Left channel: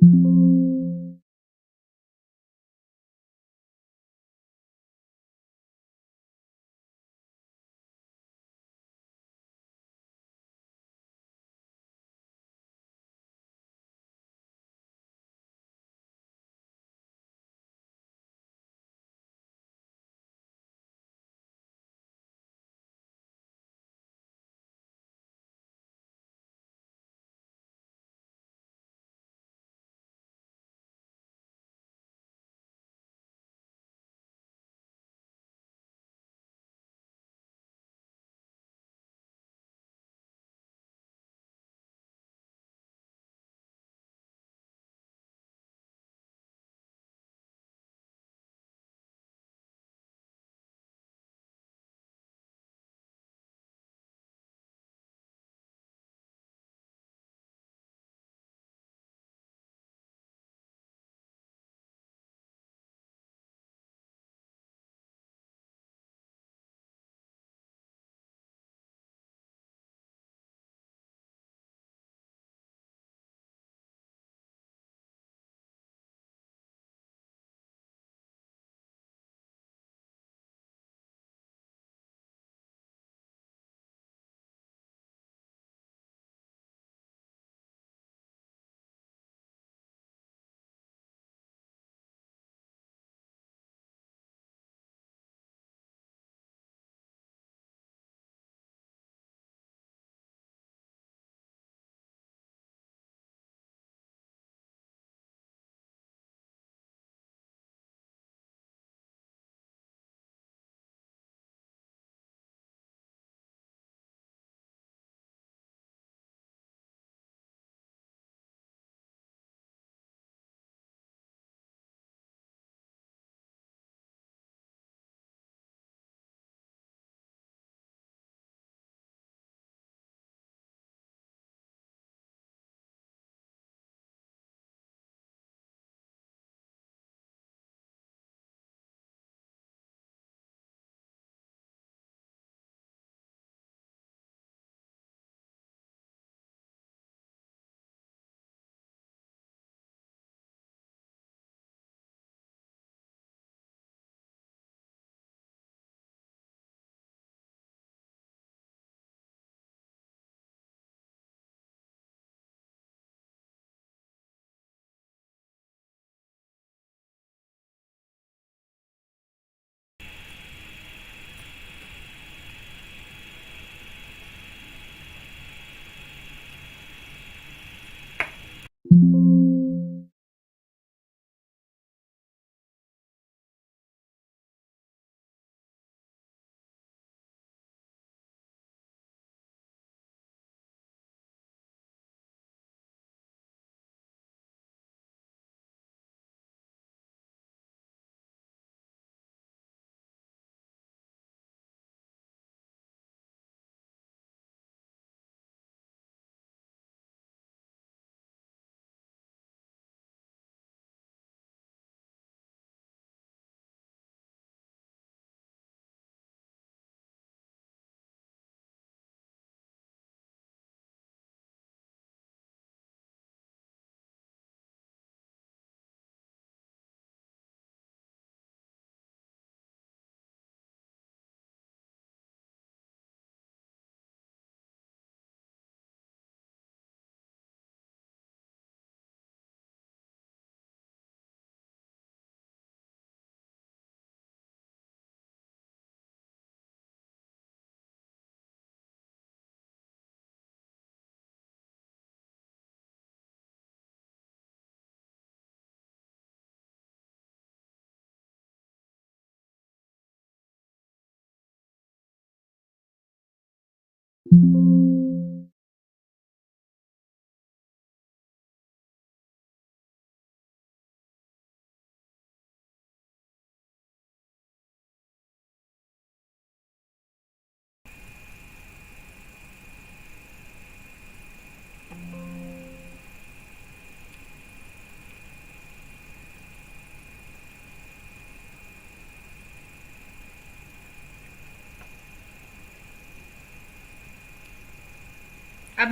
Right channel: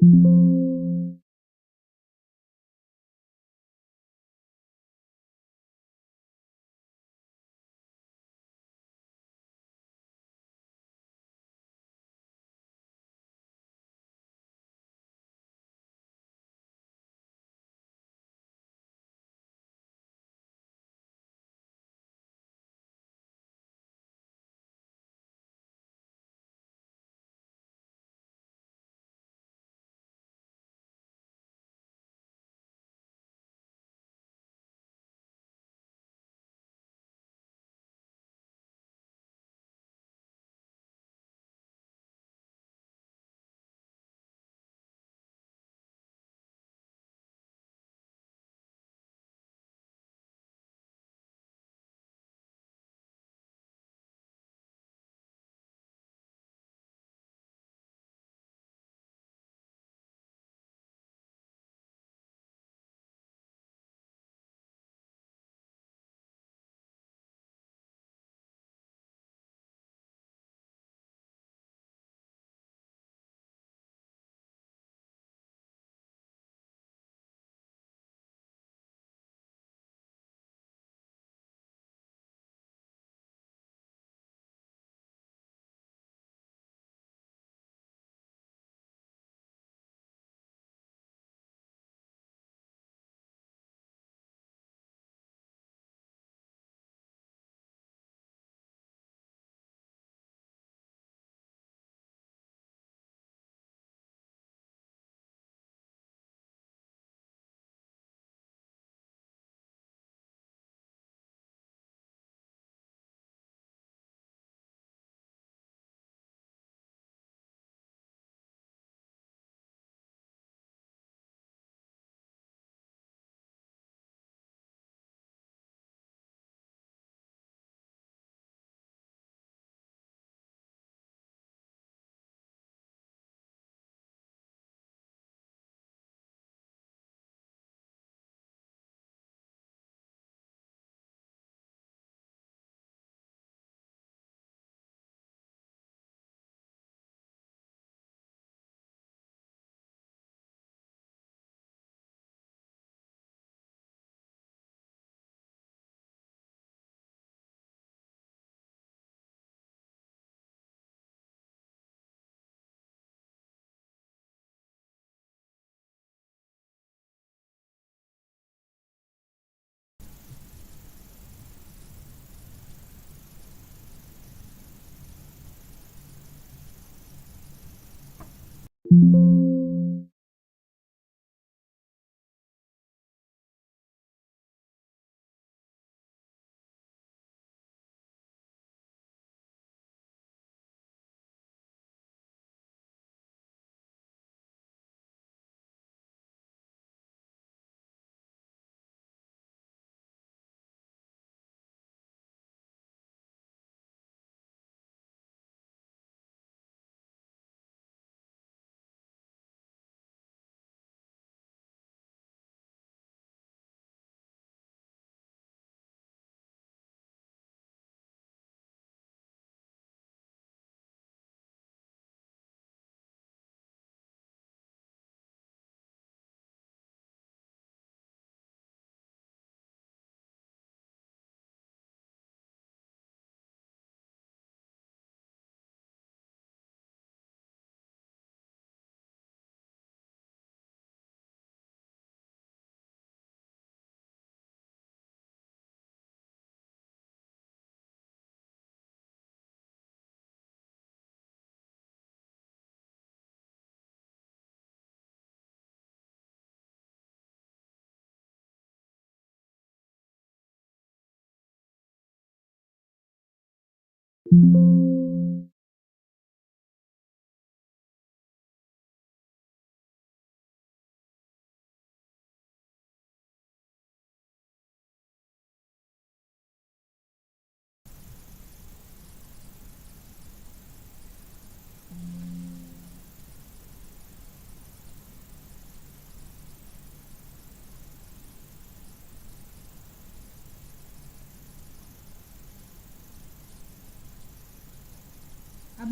अब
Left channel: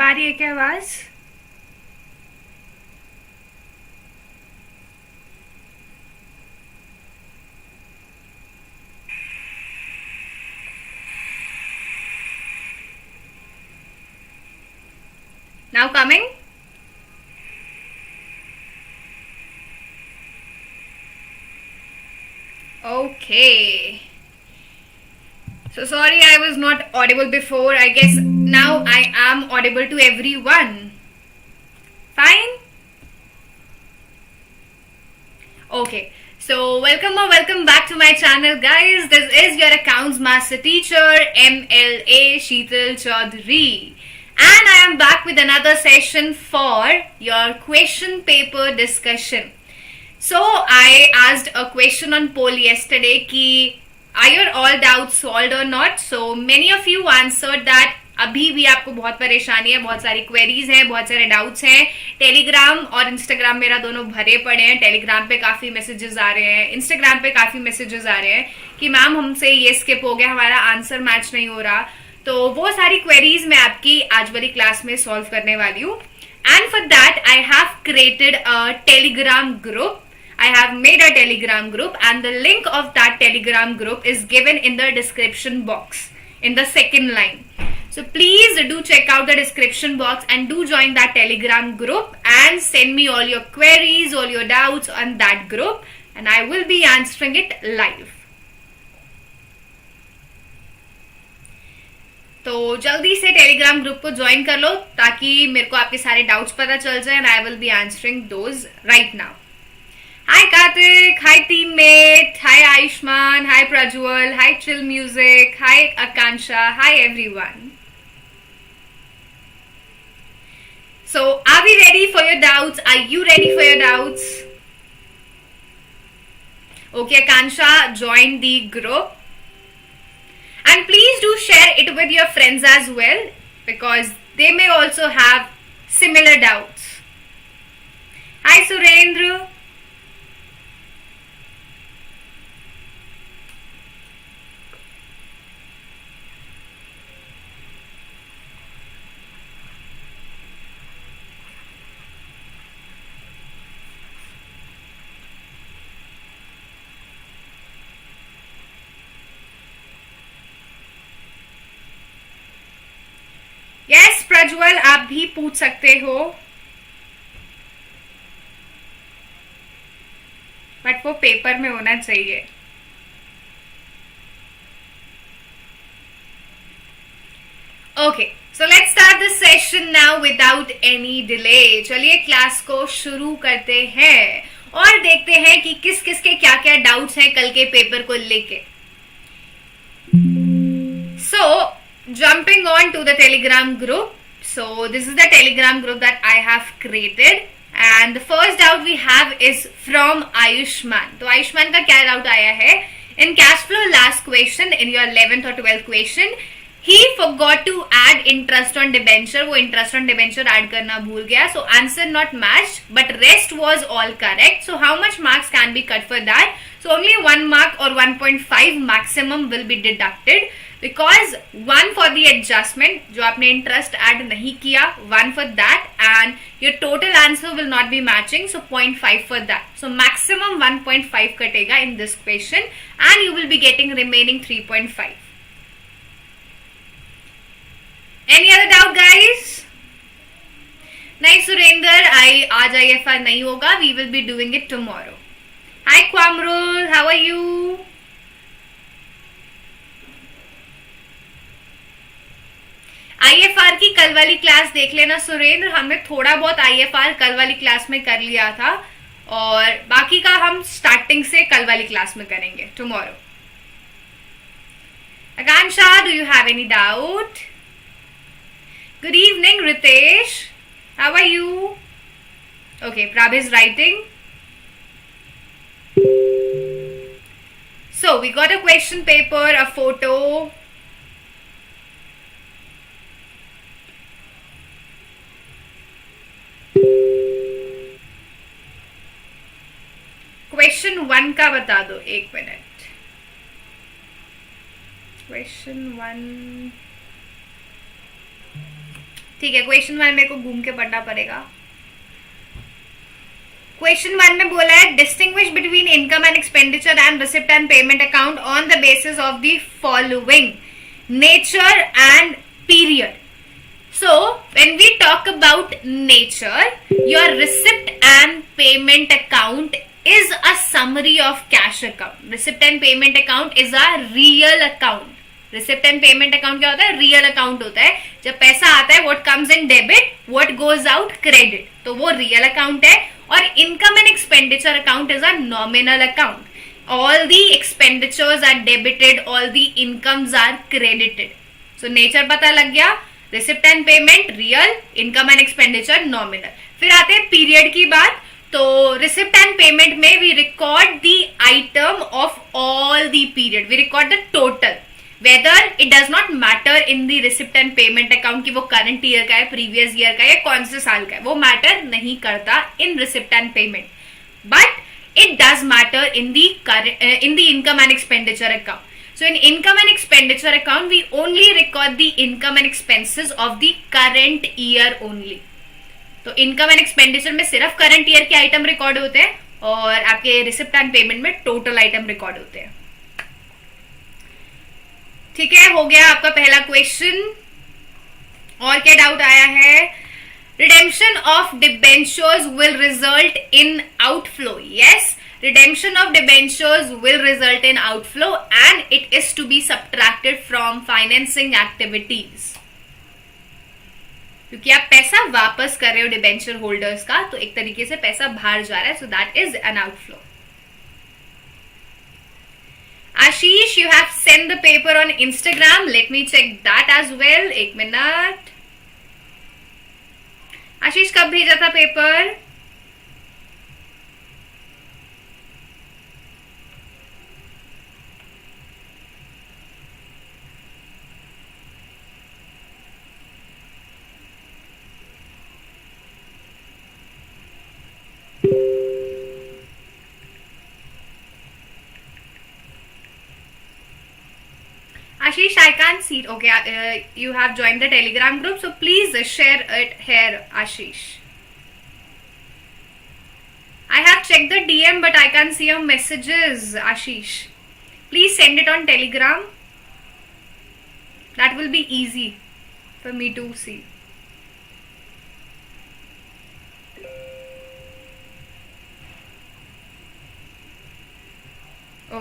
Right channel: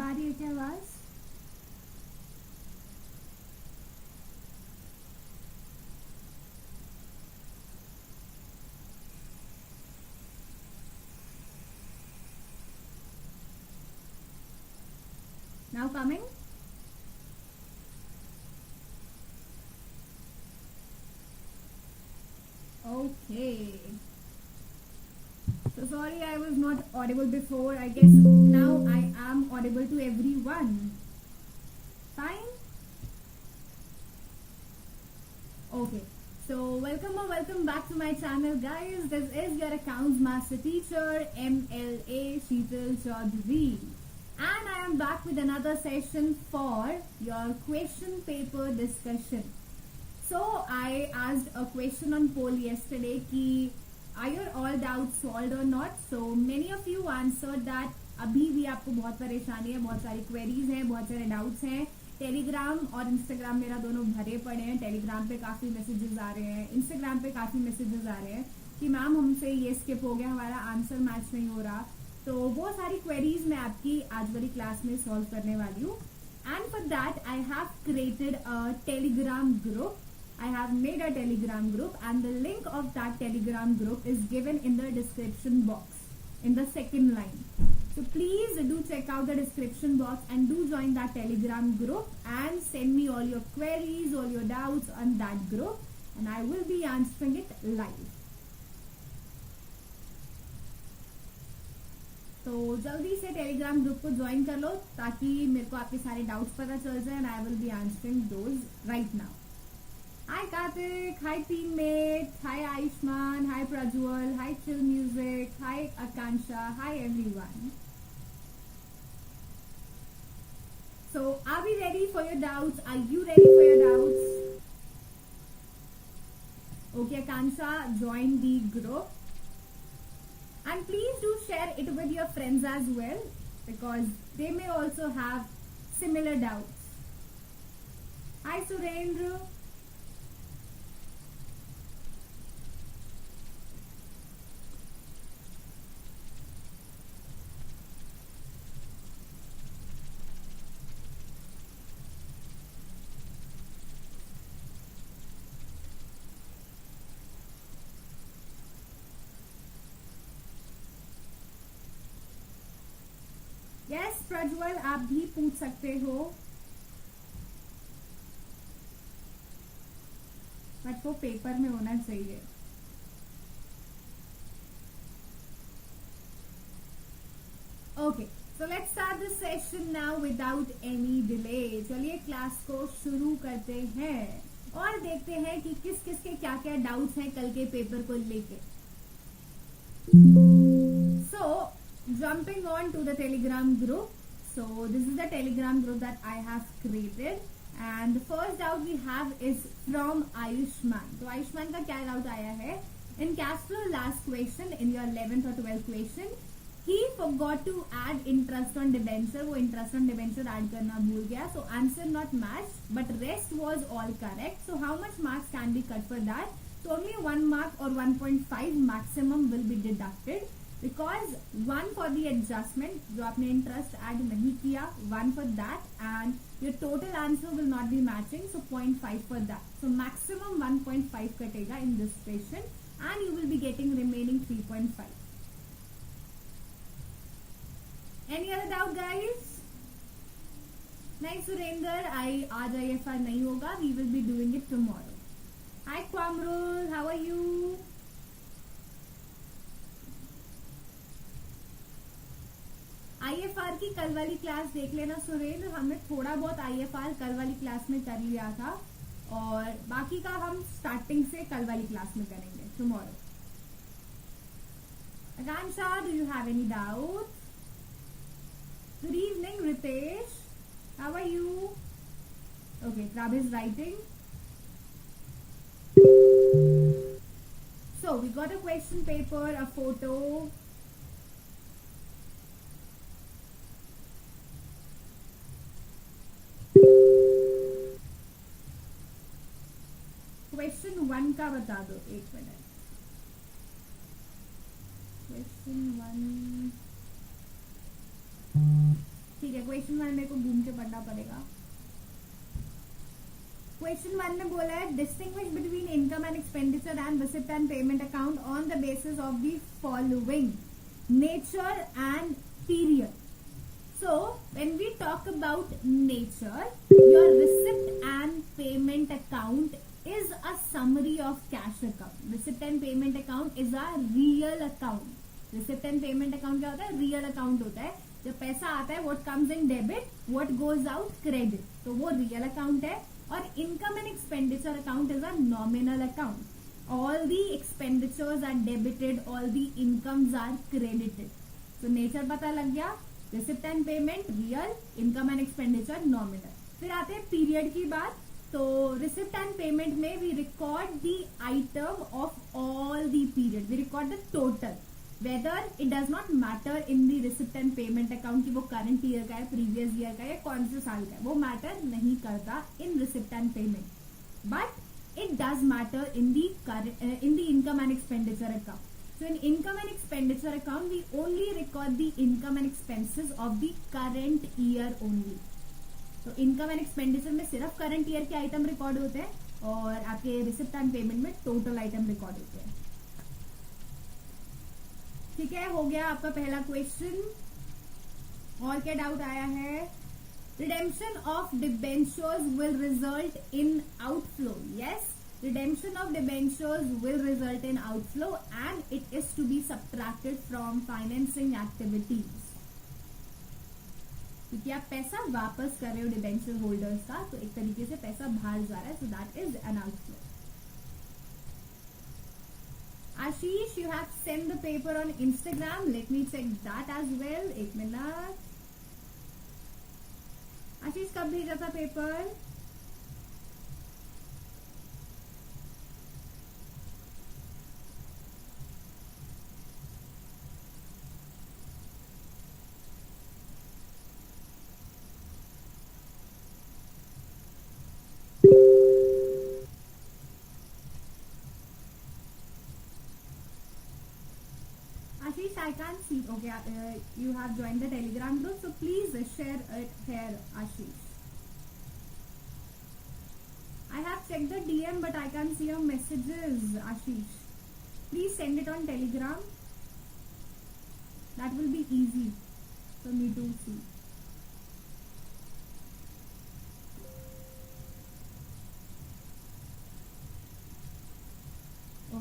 आ रही है क्या आवाज? Now coming? Okay. So sorry I was not audible before. I guess now I am audible to everyone. Fine? Okay. So welcome back to my channel, guys. This is your accounts master teacher MLA Sheetal Choudhary. And I am back with another session for your question paper discussion. So I asked a question on poll yesterday ki are your all doubts solved or not? So many of you answered that अभी भी आपको बहुत परेशानी है, बहुत सारी queries हैं, बहुत सारे डाउट्स हैं. टेलीग्राम और इंस्टाग्राम मेरा दोनों भरे पड़े हैं. टेलीग्राम पे काफ़ी मैसेजेस आ रहे हैं, इंस्टाग्राम पे काफ़ी मैसेजेस आ रहे हैं कि मैम हमसे ये स्किप हो गया, हमारा आंसर मैच नहीं हो रहा. तो वो सारी क्वेरीज मैं आपकी आज वाली क्लास में सॉल्व करने वाली हूँ. And for that I have created a Telegram group. I have made a telegram group and the link of that telegram group is given in the description box in the second line. So please do check out the description box and do join that telegram group and send me all your queries, all your doubts on that group and I will be answering it live. तो जल्दी से Telegram group को join कर लो ताकि मेरे को आपके सारे डाउट्स पता चल जाए and I will be answering those right now. Hi Karthik, hi teammate, hi Aishman, hi Prajwal, hi Chill Music, hi Akansha, hi everyone. So are we ready for your doubts? Are you ready for your doubts? Okay, Akansha, join the group. And please do share it with your friends as well because they may also have similar doubts. Hi Surendra. Yes Prajwal, आप भी पूछ सकते हो but वो paper में होना चाहिए. Okay, so let's start this session now without any delay. चलिए क्लास को शुरू करते हैं और देखते हैं कि किस किस के क्या क्या डाउट्स हैं कल के पेपर को लेके. सो jumping on to the telegram group. So this is the telegram group that I have created and the first doubt we have is from Ayushman. तो आयुष्मान का क्या डाउट आया है? In cash flow last question in your 11th or 12th question he forgot to add interest on debenture. वो interest on debenture add करना भूल गया. So answer not matched but rest was all correct. So how much marks can be cut for that? So only 1 mark or 1.5 maximum will be deducted. Because 1 for the adjustment जो आपने interest add नहीं किया, 1 for that and your total answer will not be matching, so 0.5 for that. So maximum 1.5 कटेगा in this question and you will be getting remaining 3.5. Any other doubt guys? नहीं सुरेंद्र, आज IFR नहीं होगा, we will be doing it tomorrow. Hi Kwamrul, how are you? IFR की कल वाली class देख लेना सुरेंद्र. हमने थोड़ा बहुत IFR कल वाली क्लास में कर लिया था और बाकी का हम स्टार्टिंग से कल वाली क्लास में करेंगे tomorrow. Akansha, do you have any doubt? Good evening Ritesh, how are you? Okay, Prabh is writing. So we got a question paper, a photo. Question 1 का बता दो, एक मिनट. क्वेश्चन 1 ठीक है. क्वेश्चन 1 मेरे को घूम के पढ़ना पड़ेगा. क्वेश्चन 1 में बोला है distinguish between income and expenditure and receipt and payment account on the basis of the following nature and period. So when we talk about nature, your receipt and payment account is a summary of cash account. Receipt and payment account is a real account. Receipt and payment account क्या होता है? Real account होता है. जब पैसा आता है, what comes in debit, what goes out credit, तो वो रियल अकाउंट है. और income and expenditure account is a nominal account. All the expenditures are debited, all the incomes are credited. So nature पता लग गया. Receipt and payment real, income and expenditure nominal. फिर आते हैं पीरियड की बात. तो रिसिप्ट एंड पेमेंट में we record the item of all the period, we record the total. Whether it does not matter in the receipt and payment account कि वो current year का है, प्रीवियस ईयर का है, या कौन से साल का है, वो मैटर नहीं करता in receipt and payment. But it does matter in the income and expenditure account. So in income and expenditure account, we only record the income and expenses of the current year only. तो income and expenditure में सिर्फ current year के item record होते हैं, और आपके receipt and payment में total item record होते हैं. ठीक है, हो गया आपका पहला क्वेश्चन. और क्या डाउट आया है? Redemption of debentures will result in outflow. Yes, redemption of debentures will result in outflow and it is to be subtracted from financing activities. क्योंकि आप पैसा वापस कर रहे हो डिबेंचर होल्डर्स का, तो एक तरीके से पैसा बाहर जा रहा है, so that is an outflow. Ashish, you have send the paper on Instagram. Let me check that as well. एक मिनट. आशीष, कब भेजा था paper? Ashish, I can't see it. Okay, you have joined the Telegram group, so please share it here, Ashish. I have checked the DM, but I can't see your messages, Ashish. Please send it on Telegram. That will be easy for me to see.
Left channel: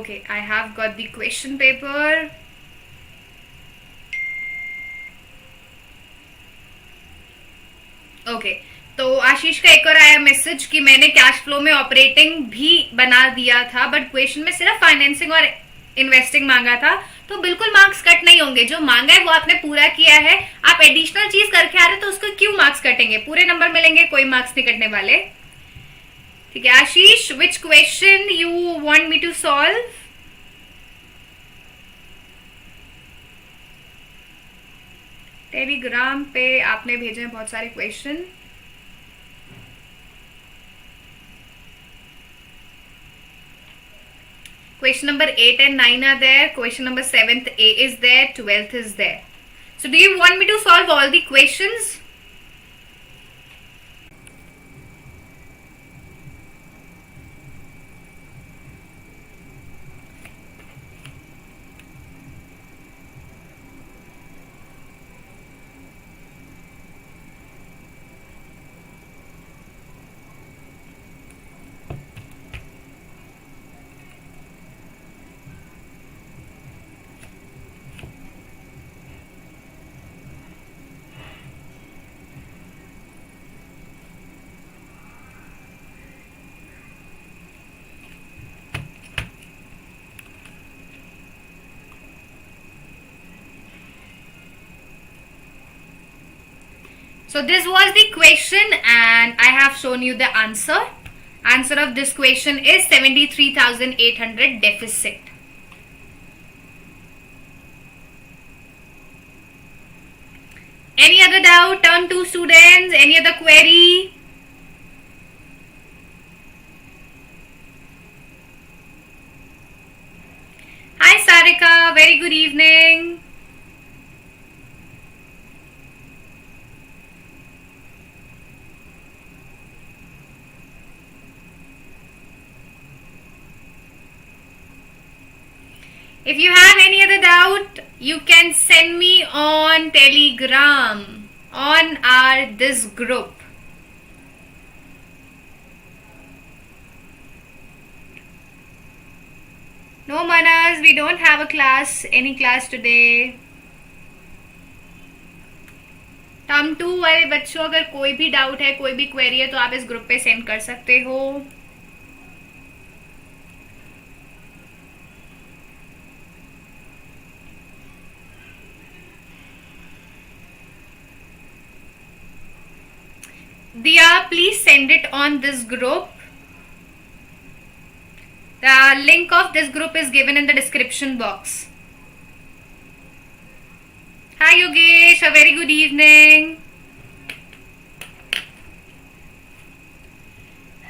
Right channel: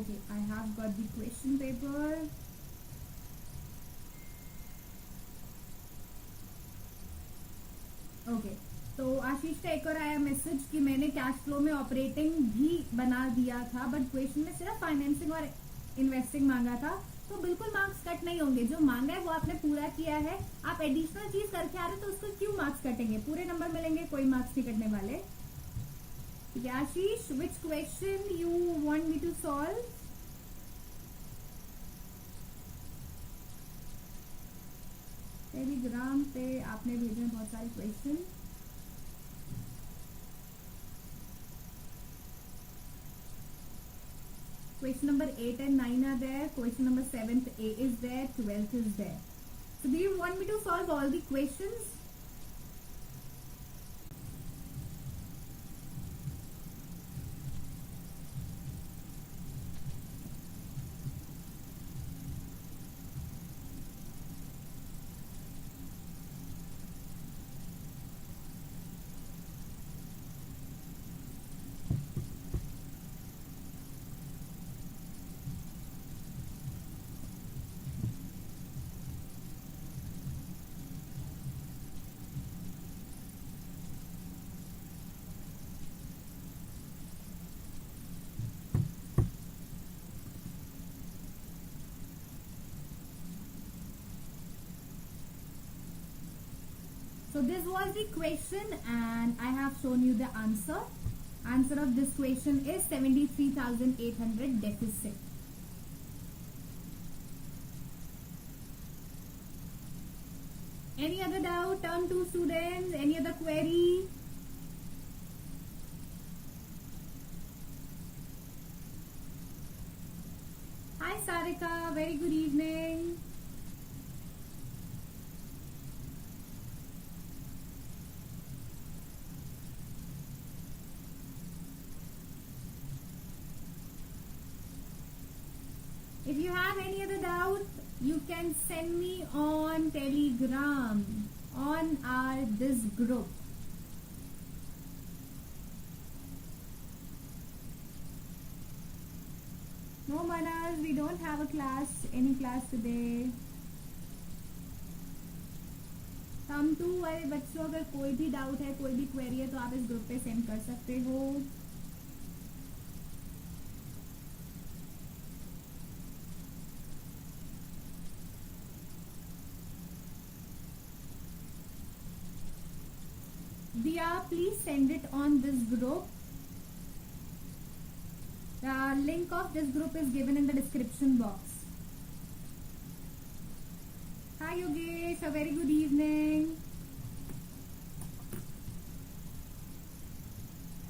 Okay, I have got the question paper. Okay, तो आशीष का एक और आया message कि मैंने cash flow में operating भी बना दिया था, बट क्वेश्चन में सिर्फ फाइनेंसिंग और इन्वेस्टिंग मांगा था, तो बिल्कुल मार्क्स कट नहीं होंगे. जो मांगा है वो आपने पूरा किया है. आप एडिशनल चीज करके आ रहे तो उसको क्यों मार्क्स कटेंगे? पूरे नंबर मिलेंगे, कोई मार्क्स नहीं कटने वाले. ठीक है Ashish, which question you want me to solve? Telegram पे आपने भेजे हैं बहुत सारे question. Question number 8 and 9 are there. Question number 7th A is there. 12th is there. So do you want me to solve all the questions? So this was the question and I have shown you the answer. Answer of this question is 73,800 deficit. Any other doubt? Turn 2 students. Any other query? Hi Sarika, very good evening. If you have any other doubt, you can send me on Telegram. on our this group. No, Manas, we don't have a class, any class today. Term 2 वाले बच्चों, अगर कोई भी doubt है, कोई भी query है, तो आप इस ग्रुप पे सेंड कर सकते हो. Diya, please send it on this group. The link of this group is given in the description box. Hi Yogesh, a very good evening.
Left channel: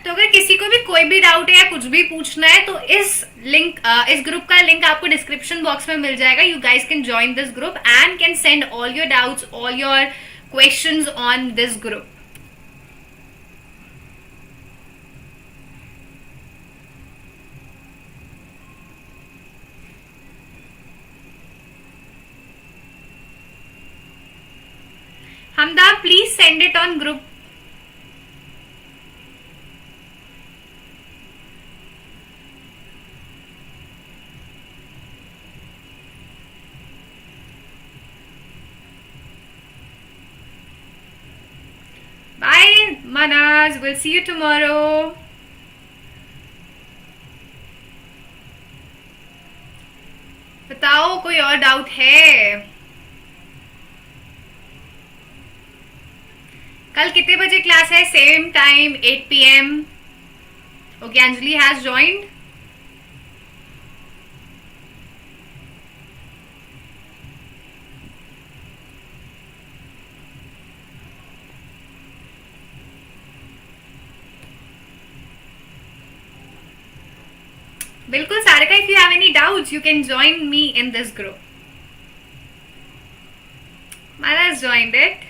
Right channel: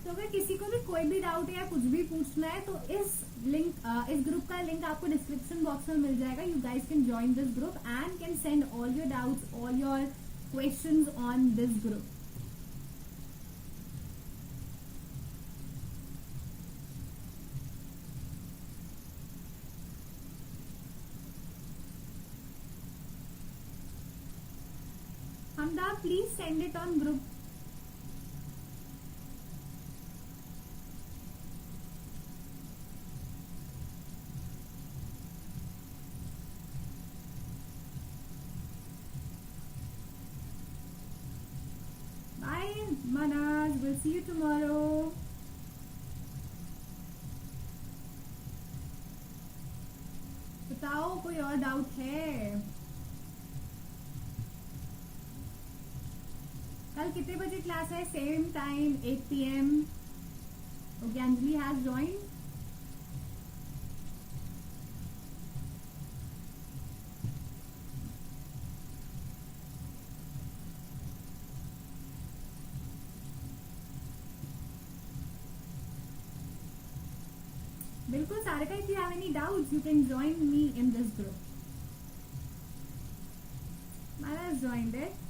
तो अगर किसी को भी कोई भी डाउट है या कुछ भी पूछना है तो इस ग्रुप का लिंक आपको डिस्क्रिप्शन बॉक्स में मिल जाएगा. You guys can join this group and can send all your doubts, all your questions on this group. Hamda, please send it on group. Bye, Manas. We'll see you tomorrow. बताओ कोई और doubt है? कल कितने बजे class है? Same time 8 PM. Okay, Anjali has joined. बिल्कुल Sarika, if you have any doubts you can join me in this group. Mala has joined it.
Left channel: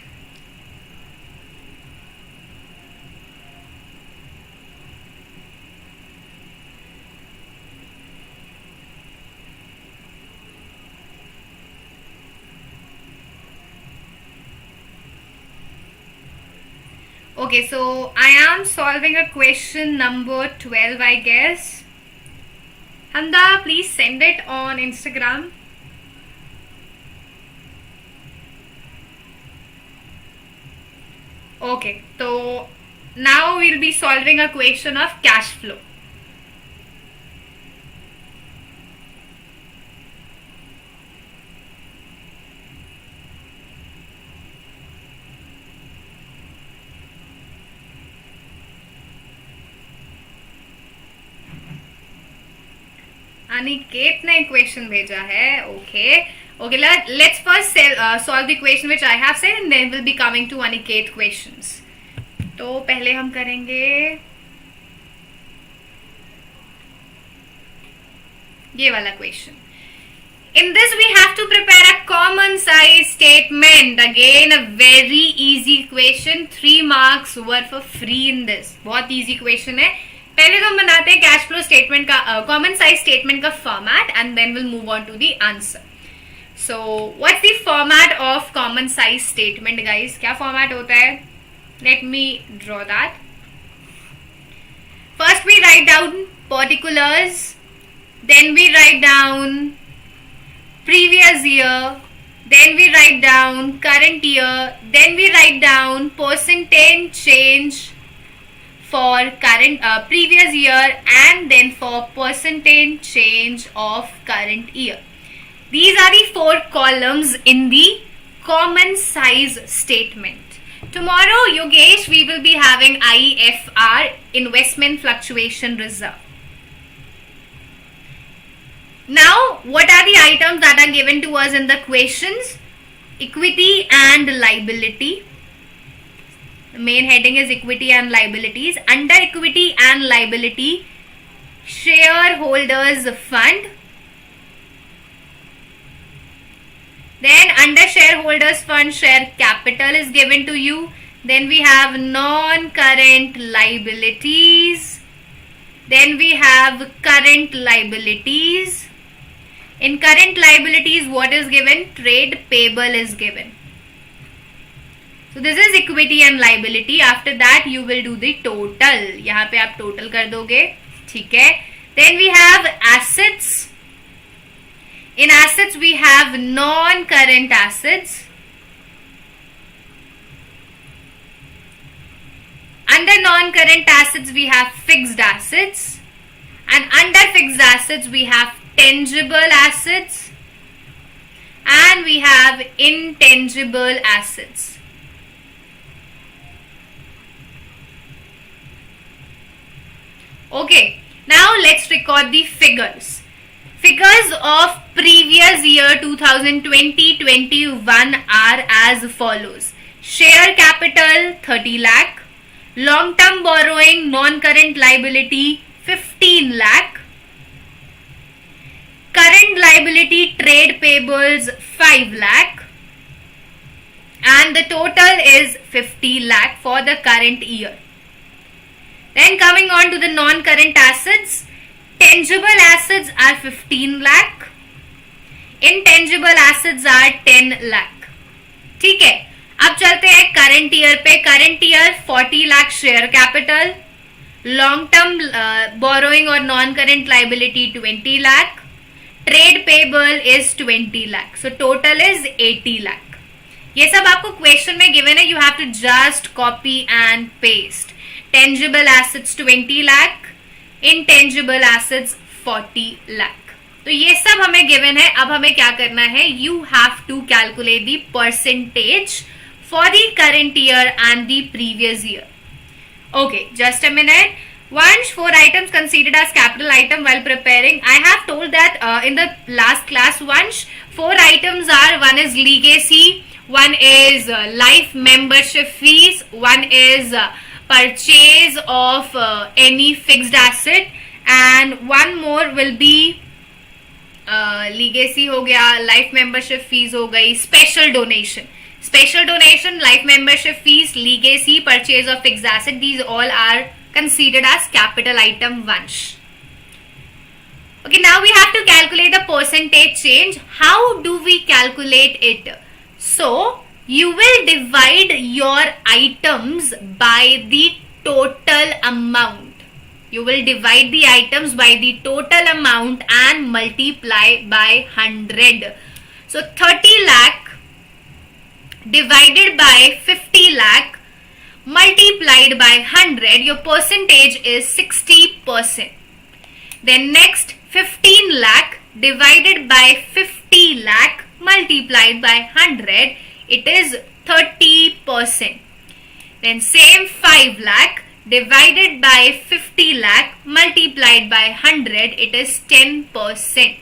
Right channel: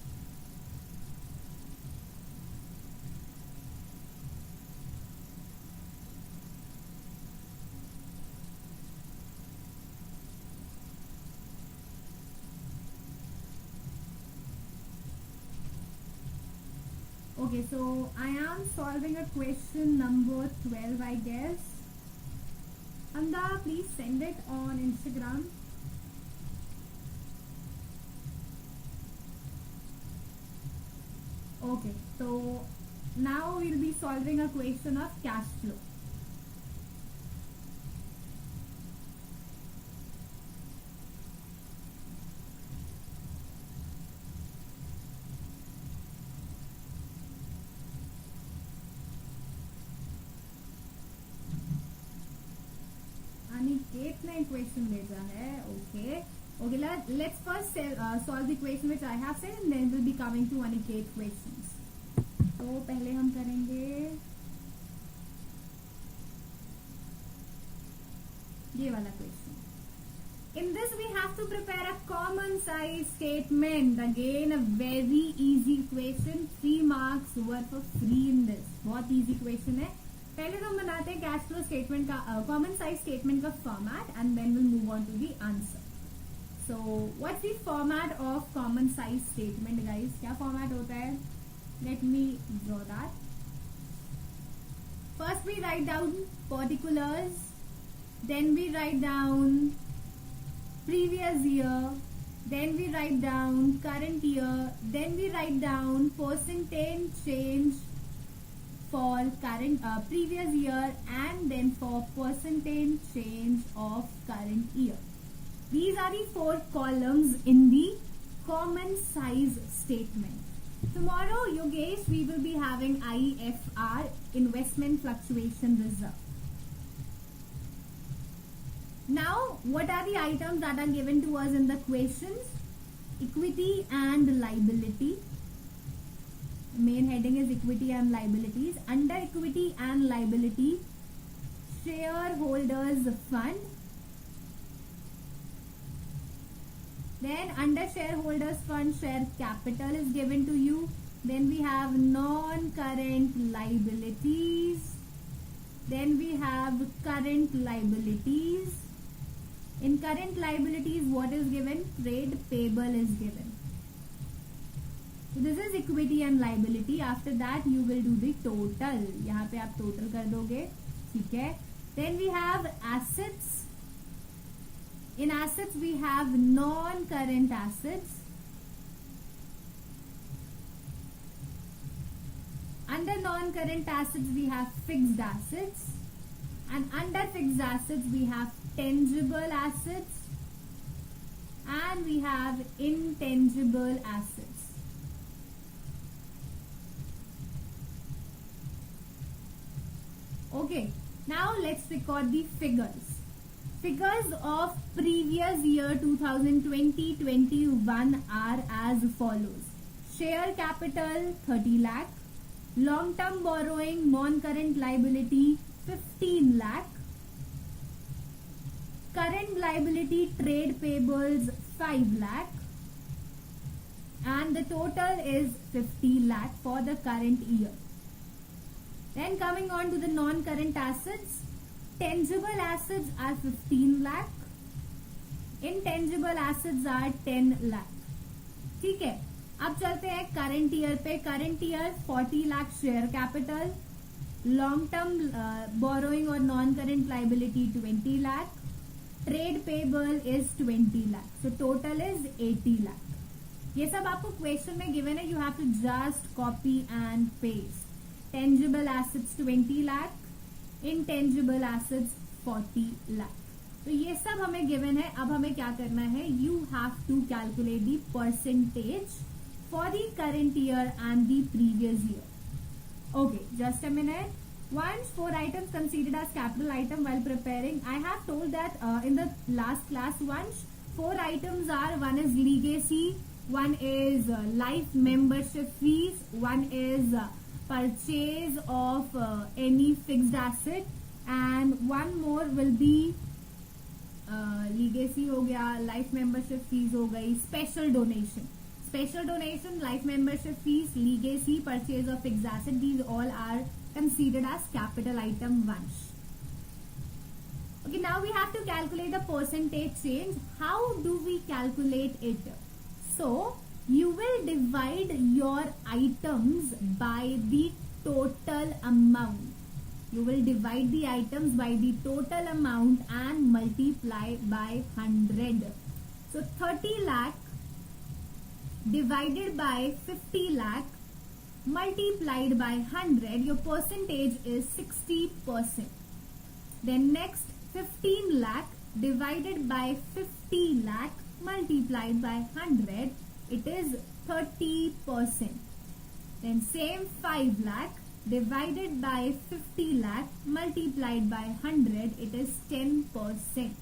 Okay, so I am solving a question number 12, I guess. Hamda, please send it on Instagram. Okay, so now we'll be solving a question of cash flow. Aniket ने question भेजा है. Okay, let's first solve the question which I have said and then we'll be coming to Aniket questions. तो पहले हम करेंगे ये वाला question. In this we have to prepare a common size statement. Again a very easy question. 3 marks were for free in this. बहुत easy question है. पहले तो हम बनाते हैं कैश फ्लो स्टेटमेंट का कॉमन साइज स्टेटमेंट का format and then will move on to the answer. So what's the format of common size statement guys? क्या फॉर्मेट होता है? Let me draw that. First we write down particulars, then we write down previous year, then we write down current year, then we write down percentage change for current previous year and then for percentage change of current year. These are the 4 columns in the common size statement. Tomorrow, Yogesh, we will be having IFR, investment fluctuation reserve. Now, what are the items that are given to us in the questions? Equity and liability. The main heading is equity and liabilities. Under equity and liability, shareholders fund. Then under shareholders fund, share capital is given to you. Then we have non-current liabilities. Then we have current liabilities. In current liabilities, what is given? Trade payable is given. So this is equity and liability. After that you will do the total. यहाँ पे आप total कर दोगे, ठीक है. Then we have assets. In assets we have non-current assets. Under non-current assets we have fixed assets, and under fixed assets we have tangible assets, and we have intangible assets. Okay, now let's record the figures. Figures of previous year 2020-21 are as follows. Share capital 30 lakh, long term borrowing non-current liability 15 lakh, current liability trade payables 5 lakh, and the total is 50 lakh for the current year. Then coming on to the non-current assets, tangible assets are 15 lakh, intangible assets are 10 lakh. ठीक है, अब चलते हैं current year पे. Current year 40 lakh share capital, long term borrowing और non current liability 20 lakh, trade payable is 20 lakh, so total is 80 lakh. ये सब आपको क्वेश्चन में गिवन है, you have to just copy and paste. Tangible assets 20 lakh, intangible assets 40 lakh. तो ये सब हमें गिवन है. अब हमें क्या करना है, you have to calculate the percentage for the current year and the previous year. Okay, just a minute. Once 4 items considered as capital item while preparing. I have told that in the last class, once 4 items are, one is legacy, one is life membership fees, one is purchase of any fixed asset, and one more will be legacy हो गया, life membership fees हो गई, special donation, life membership fees, legacy, purchase of fixed asset. These all are considered as capital item once. Okay, now we have to calculate the percentage change. How do we calculate it? So you will divide your items by the total amount. You will divide the items by the total amount and multiply by 100. So 30 lakh divided by 50 lakh multiplied by 100, your percentage is 60%. Then next 15 lakh divided by 50 lakh multiplied by 100, it is 30%. Then same 5 lakh divided by 50 lakh multiplied by 100, it is 10%.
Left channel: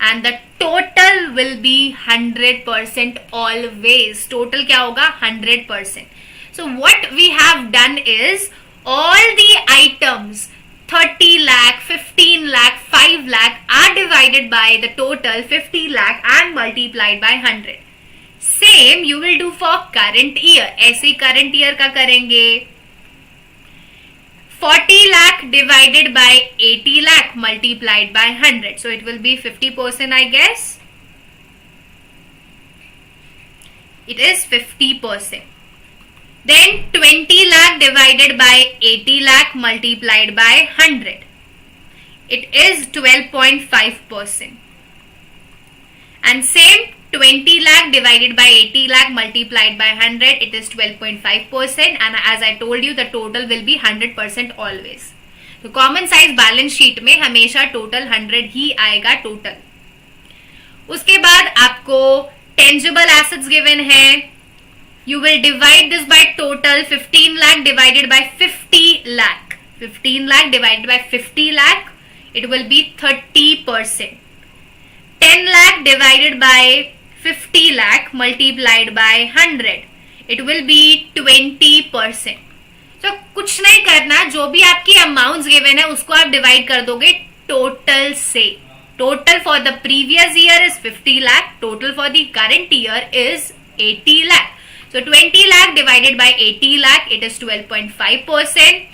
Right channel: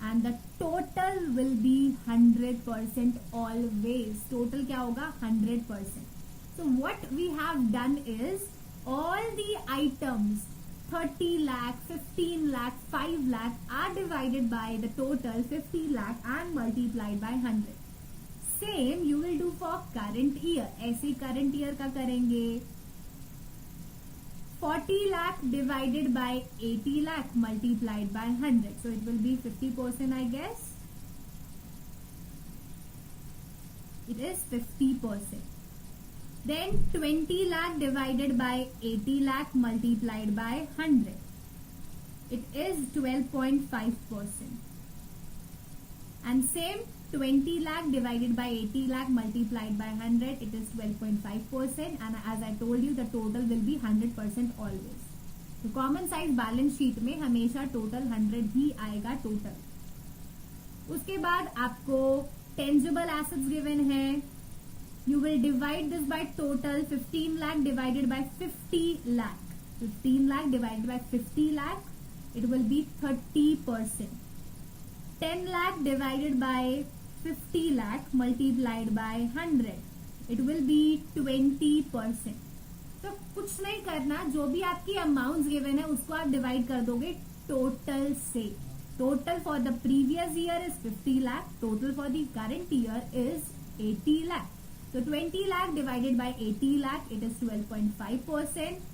And the total will be 100% always. Total क्या होगा? 100%. So what we have done is all the items 30 lakh, 15 lakh, 5 lakh are divided by the total 50 lakh and multiplied by 100. Same you will do for current year. ऐसे current year का करेंगे 40 lakh divided by 80 lakh multiplied by 100. So it will be 50%, I guess. It is 50%. Then 20 lakh divided by 80 lakh multiplied by 100. It is 12.5%. And same 20 lakh divided by 80 lakh multiplied by 100, it is 12.5%. And as I told you, the total will be 100% always. तो common size balance sheet में हमेशा total 100 ही आएगा total. उसके बाद आपको tangible assets given है. You will divide this by total 15 lakh divided by 50 lakh. 15 lakh divided by 50 lakh, it will be 30%. 10 lakh divided by 50 lakh multiplied by 100, it will be 20%. So कुछ नहीं करना, जो भी आपकी अमाउंट्स गिवन है उसको आप डिवाइड कर दोगे टोटल से. Total for the previous year is 50 lakh. Total for the current year is 80 lakh. So 20 lakh divided by 80 lakh, it is 12.5%.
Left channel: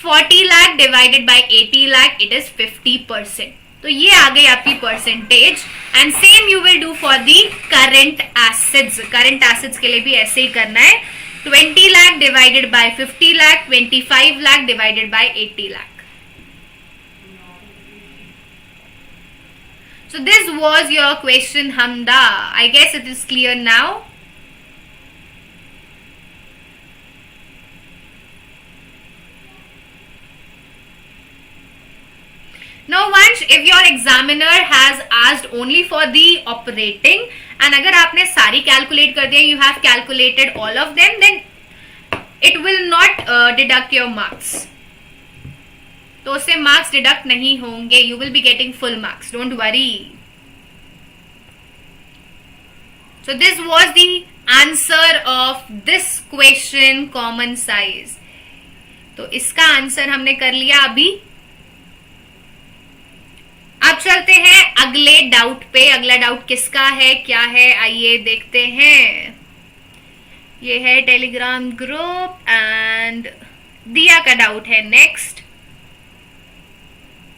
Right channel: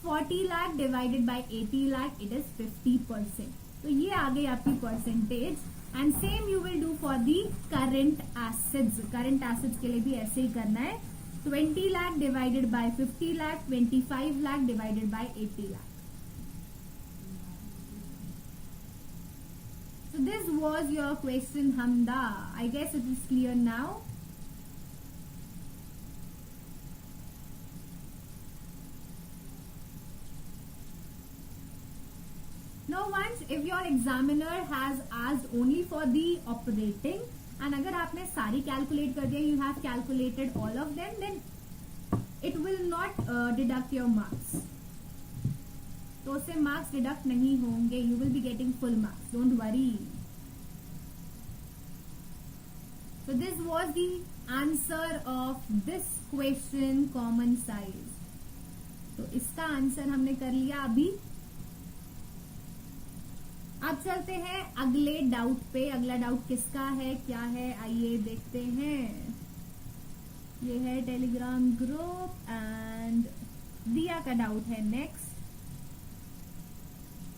40 lakh divided by 80 lakh, it is 50%. तो ये आ गई आपकी percentage. And same you will do for the current assets. Current assets के लिए भी ऐसे ही करना है. 20 lakh divided by 50 lakh, 25 lakh divided by 80 lakh. So this was your question, Hamda. I guess it is clear now. Now once if your examiner has asked only for the operating and अगर आपने सारी calculate कर दिया, you have calculated all of them, then it will not deduct your marks. तो उससे marks deduct नहीं होंगे. You will be getting full marks. Don't worry. So this was the answer of this question, common size. तो इसका answer हमने कर लिया अभी. अब चलते हैं अगले डाउट पे. अगला डाउट किसका है, क्या है, आइए देखते हैं. ये है टेलीग्राम ग्रुप एंड दिया का डाउट है नेक्स्ट.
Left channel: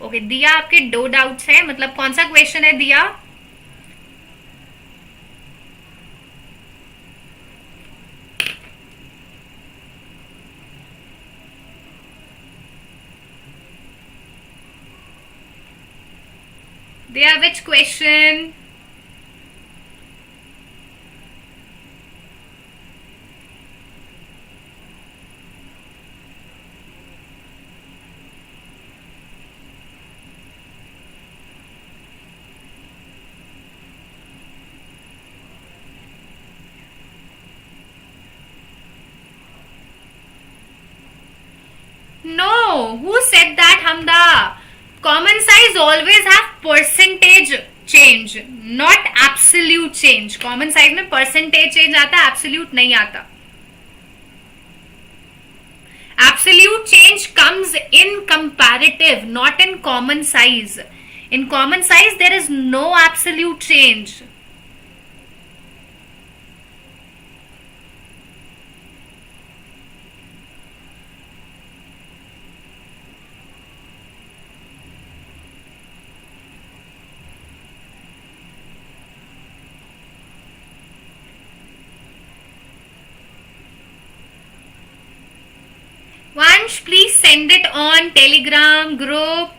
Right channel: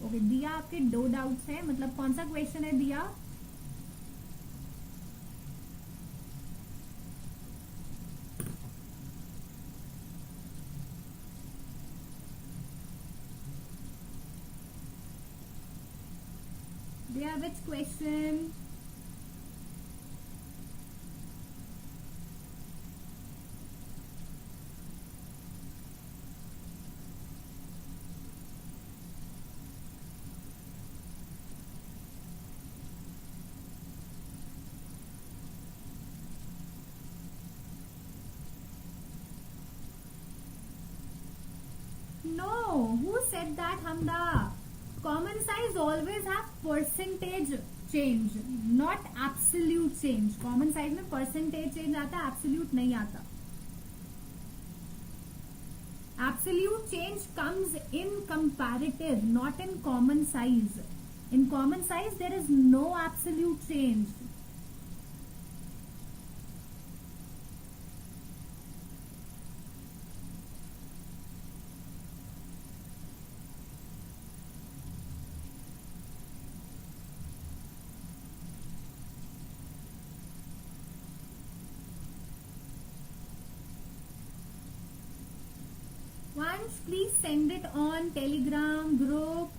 ओके दिया, आपके 2 डाउट्स हैं. मतलब कौन सा क्वेश्चन है दिया? दिया which question? No, who said that, Hamda? Common size always have percentage change, not absolute change. Common size में percentage change आता है, absolute नहीं आता. Absolute change comes in comparative, not in common size. In common size there is no absolute change. Vansh, please send it on Telegram group.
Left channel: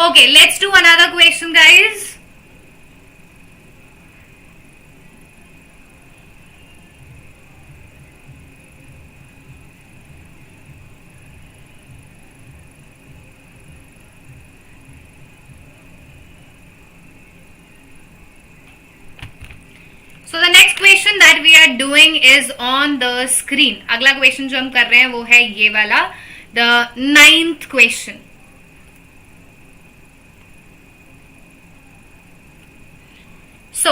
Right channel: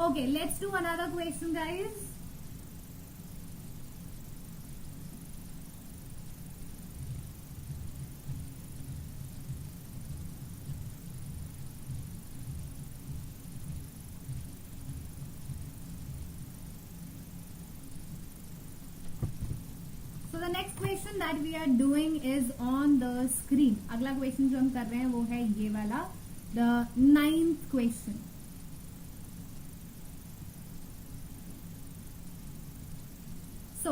Okay, let's do another question, guys. So the next question that we are doing is on the screen. अगला question जो हम कर रहे हैं वो है ये वाला, the 9th question. So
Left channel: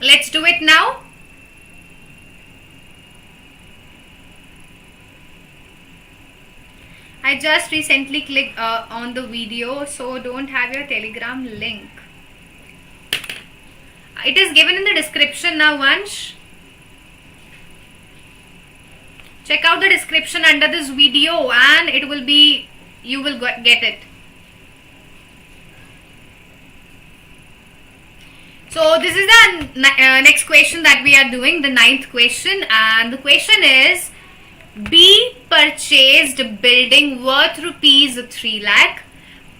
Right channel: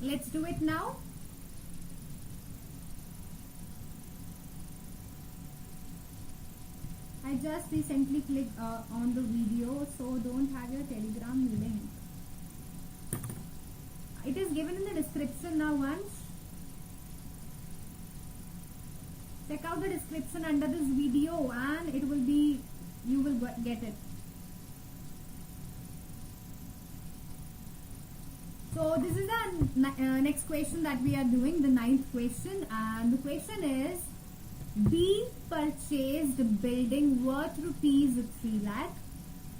let's do it now. I just recently clicked on the video, so don't have your Telegram link. It is given in the description now, Vansh. Check out the description under this video and it will be, you will get it. So this is the next question that we are doing, the 9th question, and the question is, B purchased building worth rupees 3 lakh,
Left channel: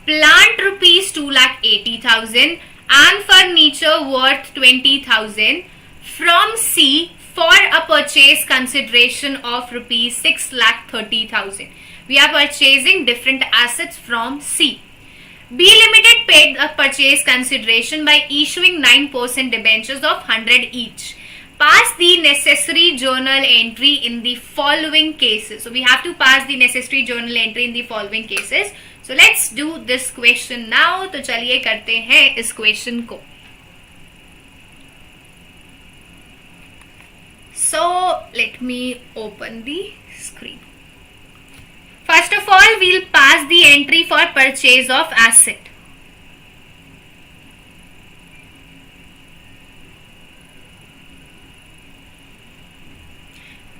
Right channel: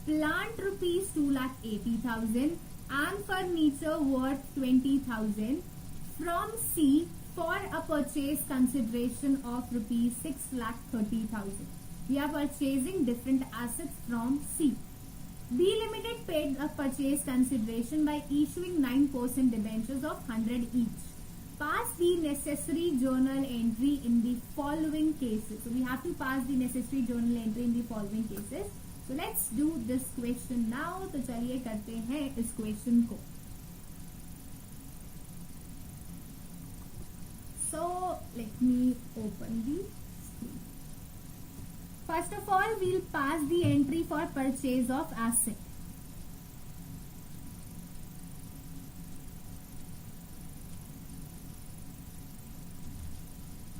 plant rupees 2,80,000 and furniture worth 20,000 from C for a purchase consideration of rupees 6,30,000. We are purchasing different assets from C. B Limited paid a purchase consideration by issuing 9% debentures of 100 each. Pass the necessary journal entry in the following cases. So we have to pass the necessary journal entry in the following cases. So let's do this question now. तो चलिए करते हैं इस question को. So let me open the screen. First of all, we'll pass the entry for purchase of asset.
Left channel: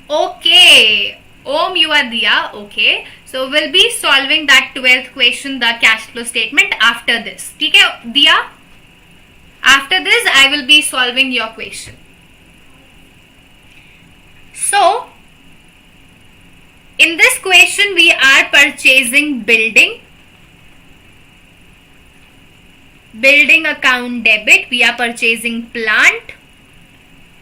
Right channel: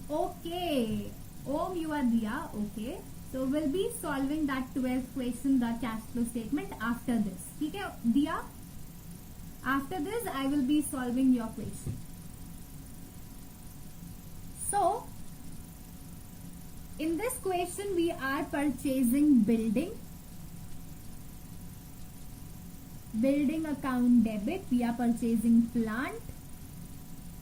Okay. Om, you are Diya. Okay. So we'll be solving that 12th question, the cash flow statement, after this. Okay, Diya? After this, I will be solving your question. So, in this question, we are purchasing building. Building account debit. We are purchasing plant.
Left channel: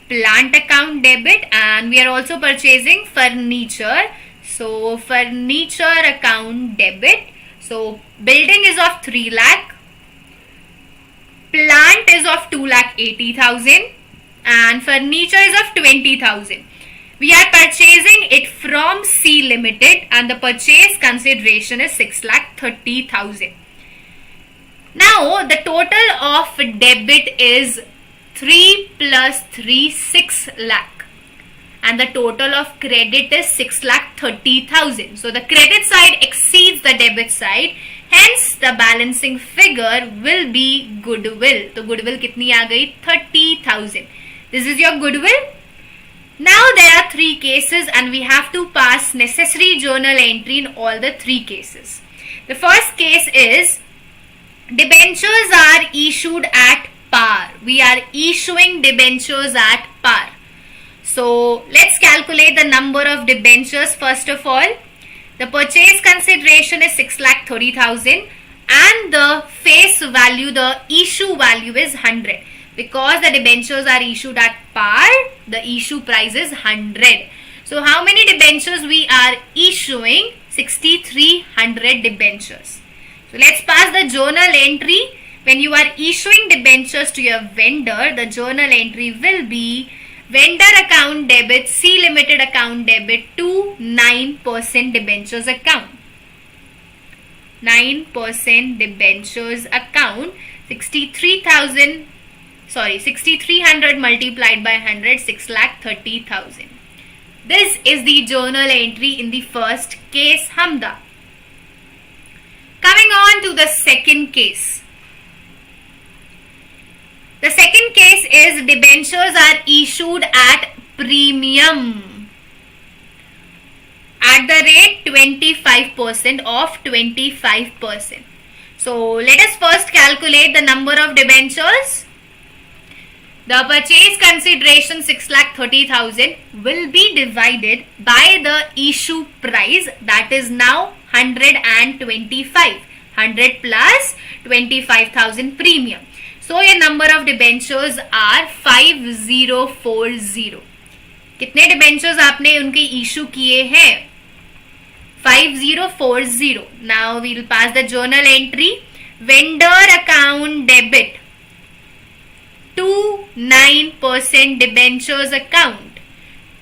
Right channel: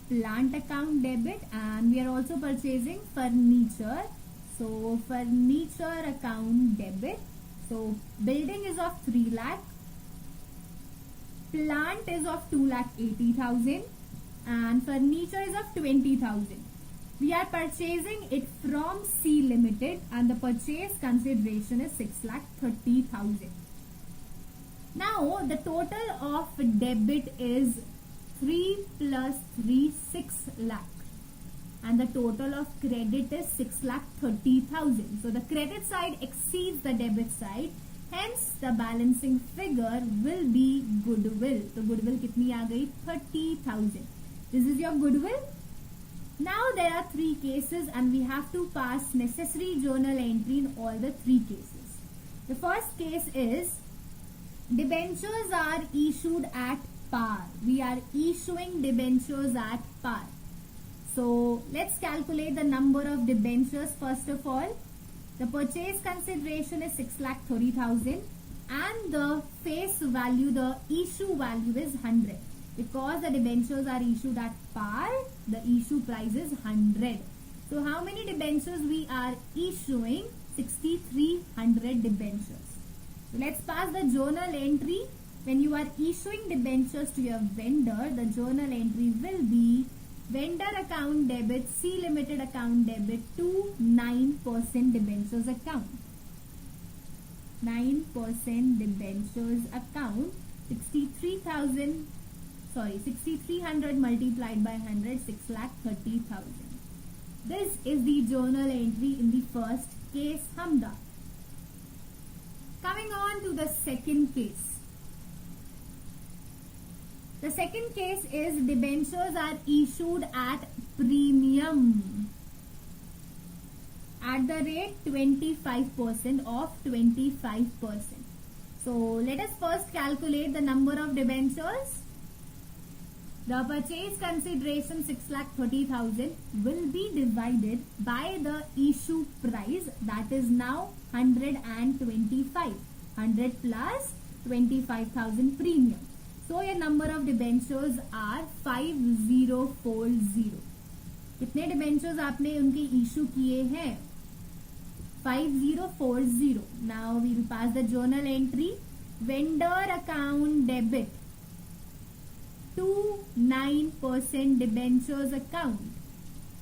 Plant account debit. And we are also purchasing furniture. So, furniture account debit. So, building is of 3 lakh. Plant is of 2,80,000. And furniture is of 20,000. We are purchasing it from C Limited and the purchase consideration is 6,30,000. Now the total of debit is 3 plus 3, 6 lakh. And the total of credit is 6,30,000. So the credit side exceeds the debit side. Hence the balancing figure will be goodwill. So goodwill kitni aa gayi? 30,000. This is your goodwill. Now there are 3 cases and we have to pass necessary journal entry in all the 3 cases. The first case is debentures are issued at par. We are issuing debentures at par. So let's calculate the number of debentures first of all. The purchase consideration is 6,30,000 and the face value, the issue value is 100. Because the debentures are issued at par, the issue price is 100. So how many debentures we are issuing? 6,300 debentures. So let's pass the journal entry. When you are issuing debentures to your vendor, the journal entry will be vendor account debit, C Limited account debit to 9% debentures account. 9% debentures account, 6,300 multiplied by 100, 6,30,000. This is the journal entry in the first case, Hamda. Coming on to the second case. The second case is debentures are issued at premium at the rate 25% of 25%. So let us first calculate the number of debentures. The purchase consideration 6,30,000 will be divided by the issue price, that is now 125. 100 plus 25,000 premium. So your number of debentures are 5040. कितने debentures आपने उनके issue किए हैं? 5040. Now we will pass the journal entry. Vendor account debit to 9% debentures account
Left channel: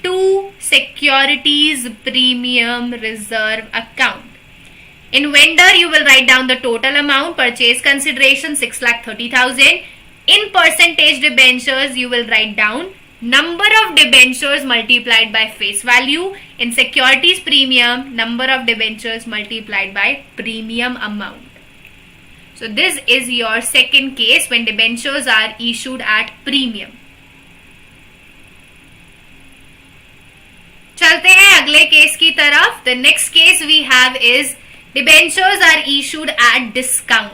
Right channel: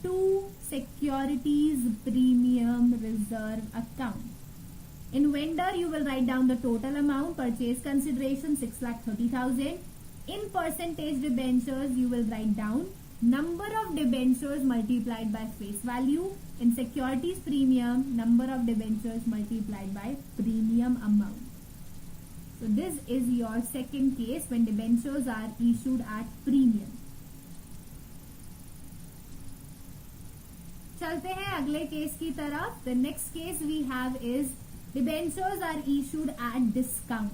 to securities premium reserve account. In vendor, you will write down the total amount, purchase consideration 6,30,000. In percentage debentures, you will write down number of debentures multiplied by face value. In securities premium, number of debentures multiplied by premium amount. So this is your second case when debentures are issued at premium. चलते हैं अगले case की तरफ. The next case we have is debentures are issued at discount.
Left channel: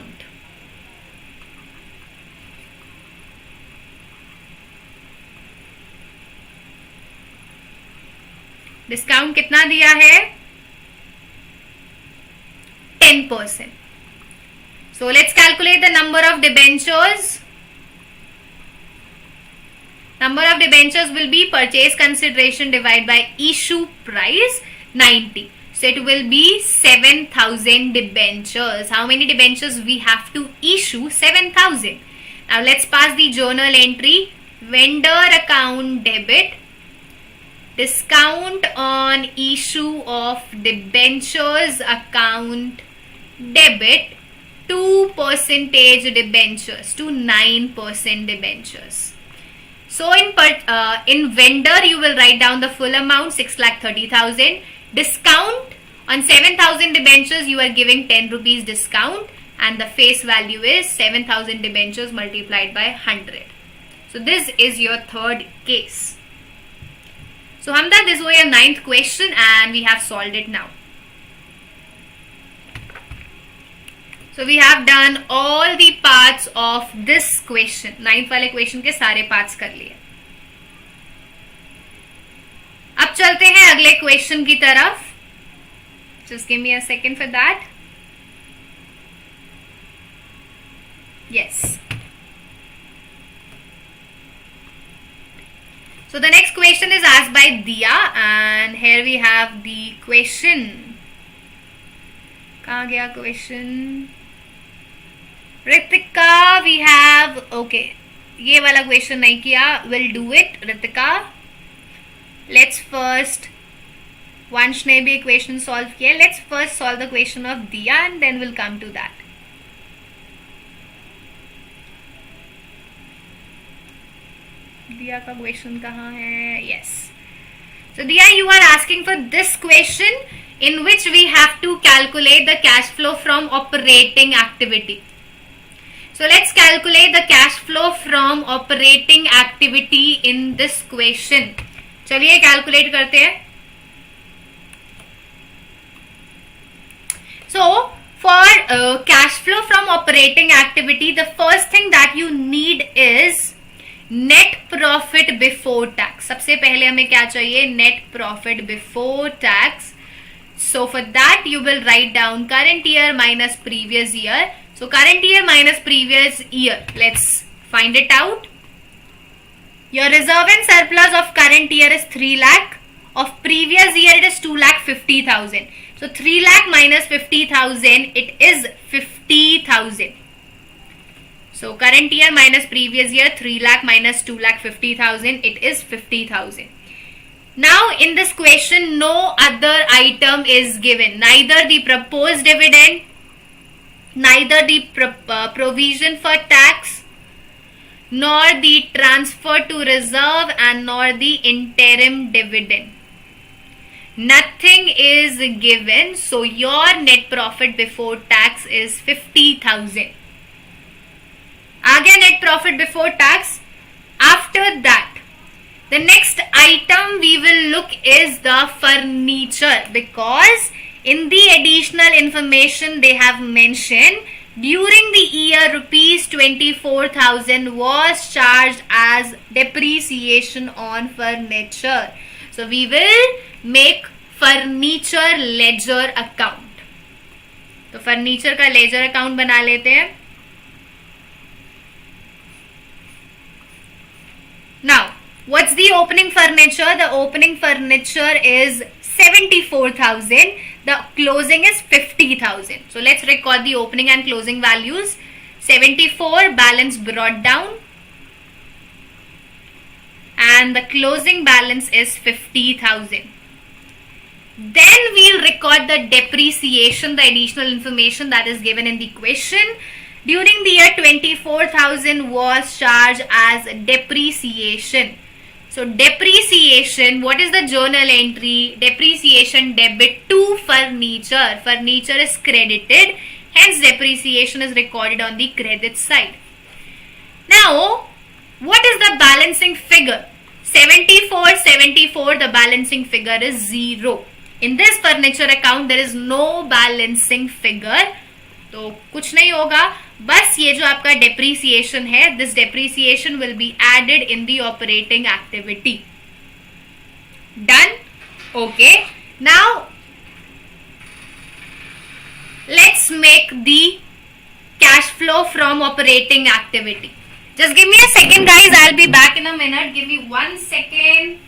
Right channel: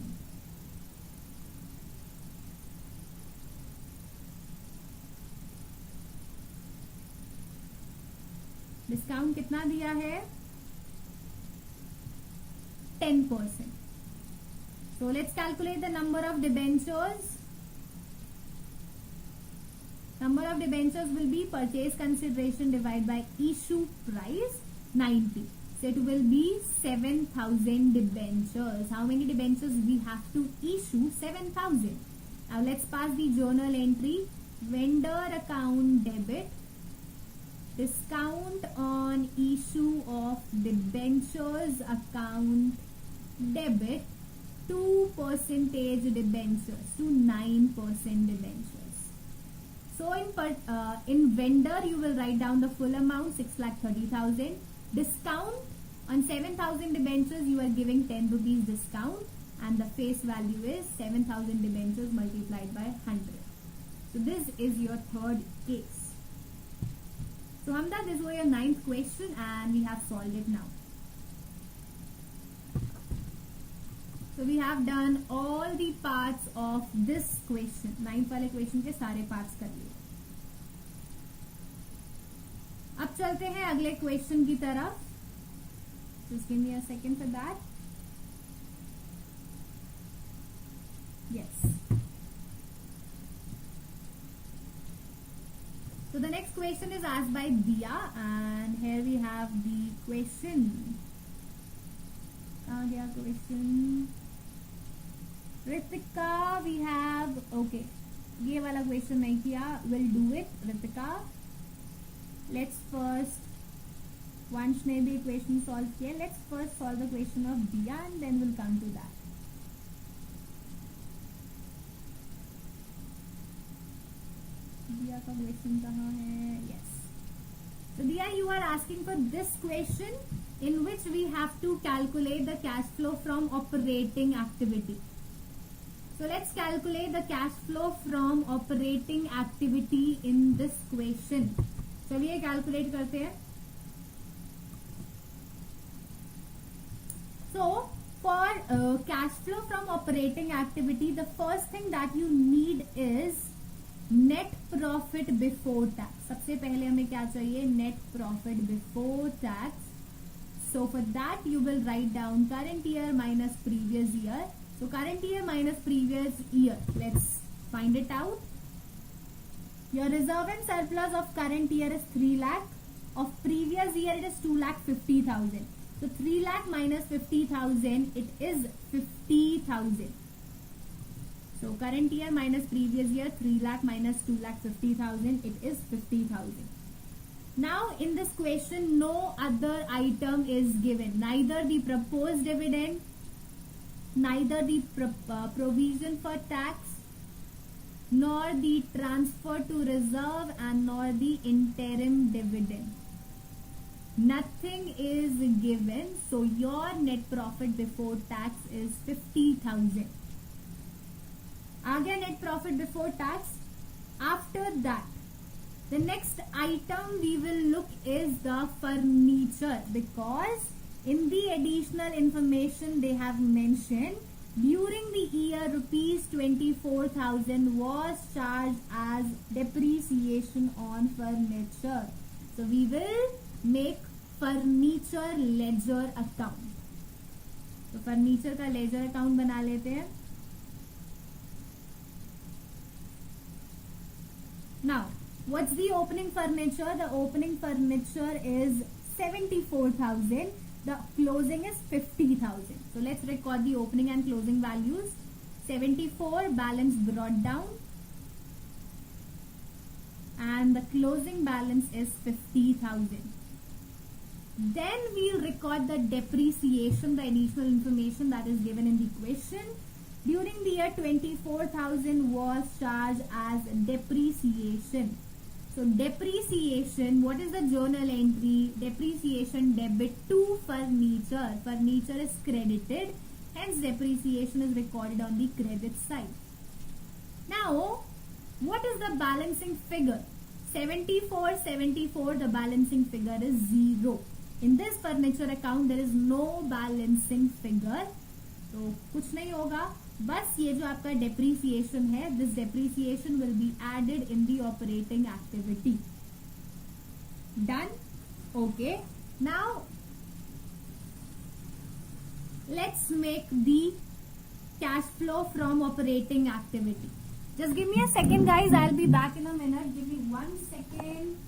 Discount कितना दिया है? 10%. So let's calculate the number of debentures. Number of debentures will be purchase consideration divided by issue price 90. So it will be 7,000 debentures. How many debentures we have to issue? 7,000. Now let's pass the journal entry. Vendor account debit. Discount on issue of debentures account debit 2% debentures to 9% debentures. So in vendor you will write down the full amount 6,30,000. Discount on 7,000 debentures you are giving 10 rupees discount, and the face value is 7,000 debentures multiplied by 100. So this is your third case. So Hamda, this was your 9th question and we have solved it now. So we have done all the parts of this question. 9th वाले question के सारे parts कर लिए. अब चलते हैं अगले question की तरफ. Just give me a second for that. Yes. So the next question is asked by Diya, and here we have the question. कहाँ गया question? Ritika, we have, okay, ये वाला question नहीं किया. We'll do it, Ritika. Let's first, Vansh ने भी equation solve किया. Let's first solve the question of Diya and then we'll come to that. Diya का question कहाँ है? Yes. So Diya, you are asking for this question in which we have to calculate the cash flow from operating activity. So let's calculate the cash flow from operating activity in this question. चलिए calculate करते हैं. So for cash flow from operating activity, the first thing that you need is net profit before tax. सबसे पहले हमें क्या चाहिए? Net profit before tax. So for that you will write down current year minus previous year. So current year minus previous year. Let's find it out. Your reserve and surplus of current year is 3 lakh. Of previous year it is 2,50,000. So 3 lakh minus 50,000, it is 50,000. So current year minus previous year, 3 lakh minus 2,50,000, it is 50,000. Now in this question, no other item is given. Neither the proposed dividend, neither the provision for tax, nor the transfer to reserve, and nor the interim dividend. Nothing is given. So your net profit before tax is 50,000. Again, net profit before tax. After that, the next item we will look is the furniture, because in the additional information they have mentioned during the year rupees 24,000 was charged as depreciation on furniture. So we will make furniture ledger account. तो furniture का ledger account बना लेते हैं. Now, what's the opening furniture? The opening furniture is 74,000. The closing is 50,000. So let's record the opening and closing values. 74 balance brought down, and the closing balance is 50,000. Then we'll record the depreciation, the additional information that is given in the question. During the year 24,000 was charged as depreciation. So depreciation, what is the journal entry? Depreciation debit to furniture. Furniture is credited, hence depreciation is recorded on the credit side. Now, what is the balancing figure? 74, the balancing figure is 0. In this furniture account, there is no balancing figure. तो कुछ नहीं होगा, बस ये जो आपका depreciation है, this depreciation will be added in the operating activity. Done? Okay. Now, let's make the cash flow from operating activity. Just give me a second, guys. I'll be back in a minute. Give me 1 second.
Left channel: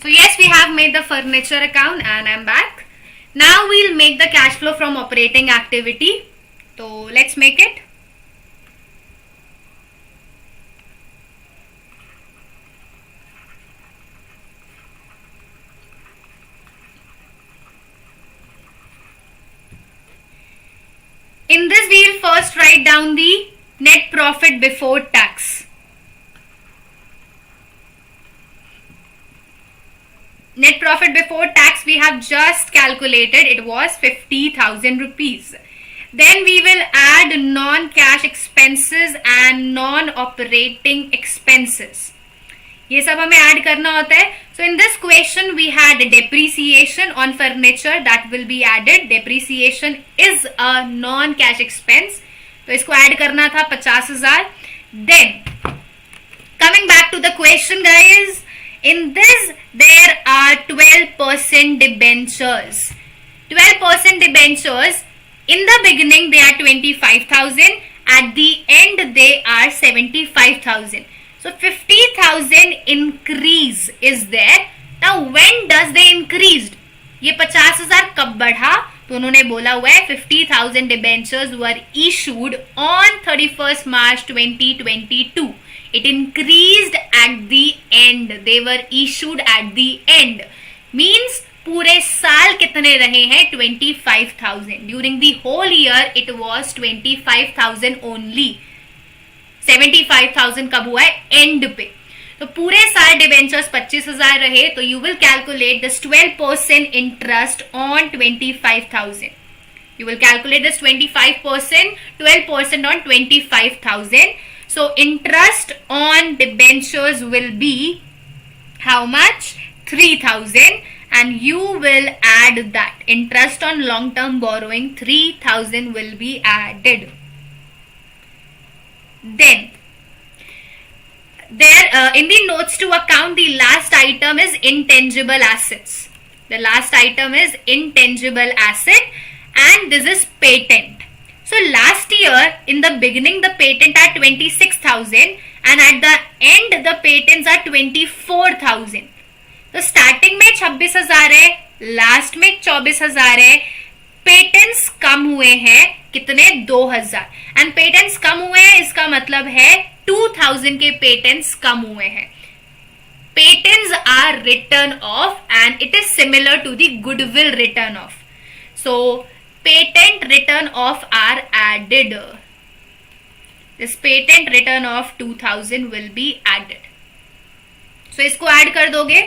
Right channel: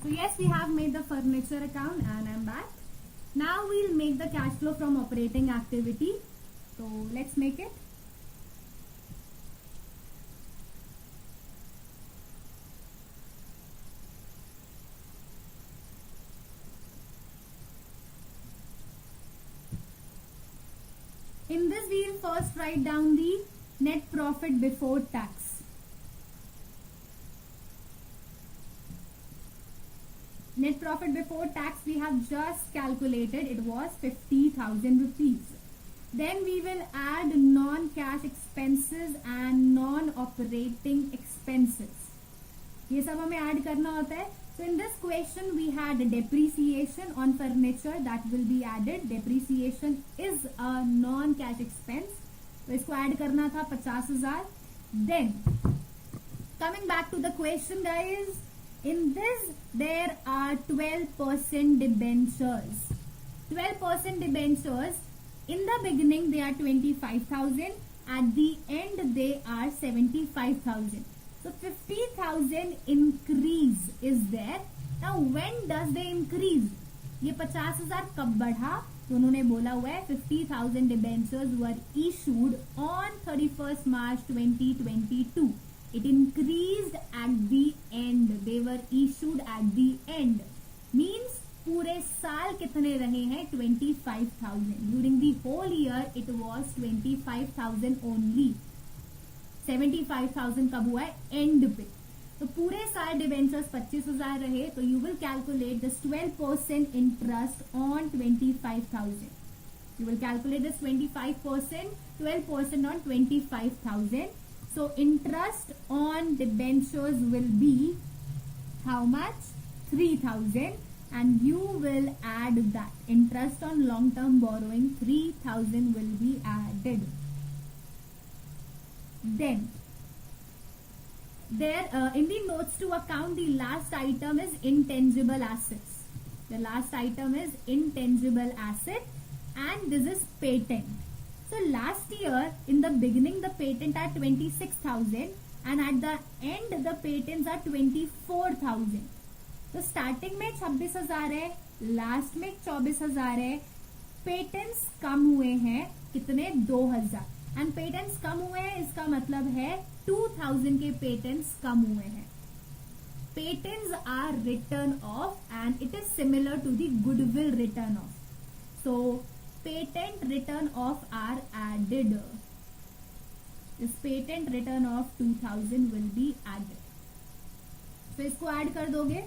So yes, we have made the furniture account and I'm back. Now we'll make the cash flow from operating activity. So let's make it. In this we'll first write down the net profit before tax. Net profit before tax we have just calculated, it was 50,000 rupees. Then we will add non-cash expenses and non-operating expenses. ये सब हमें add करना होता है. So in this question we had depreciation on furniture that will be added. Depreciation is a non-cash expense. तो इसको add करना था 50,000. Then coming back to the question, guys. In this, there are 12% debentures. 12% debentures. In the beginning, they are 25,000. At the end, they are 75,000. So 50,000 increase is there. Now, when does they increased? ये 50,000 कब बढ़ा? तो उन्होंने बोला हुआ है 50,000 debentures were issued on 31st March 2022. It increased at the end. They were issued at the end. Means पूरे साल कितने रहे हैं? 25,000. During the whole year it was 25,000 only. 75,000 कब हुआ है? End पे. तो पूरे साल डिबेंचर्स 25,000 रहे तो you will calculate this 12% interest on 25,000. You will calculate this 25%, 12% on 25,000. So interest on debentures will be how much? 3,000, and you will add that. Interest on long term borrowing 3,000 will be added. Then there in the notes to account, the last item is intangible assets. The last item is intangible asset, and this is patent. So last year in the beginning the patent are 26,000 and at the end the patents are 24,000. तो starting में 26,000 है, last में 24,000 है. Patents कम हुए हैं कितने? 2,000. And patents कम हुए हैं इसका मतलब है 2,000 के पेटेंट्स कम हुए हैं. Patents are written off and it is similar to the goodwill written off. So patent written off are added. This patent written off 2,000 will be added. So इसको add कर दोगे.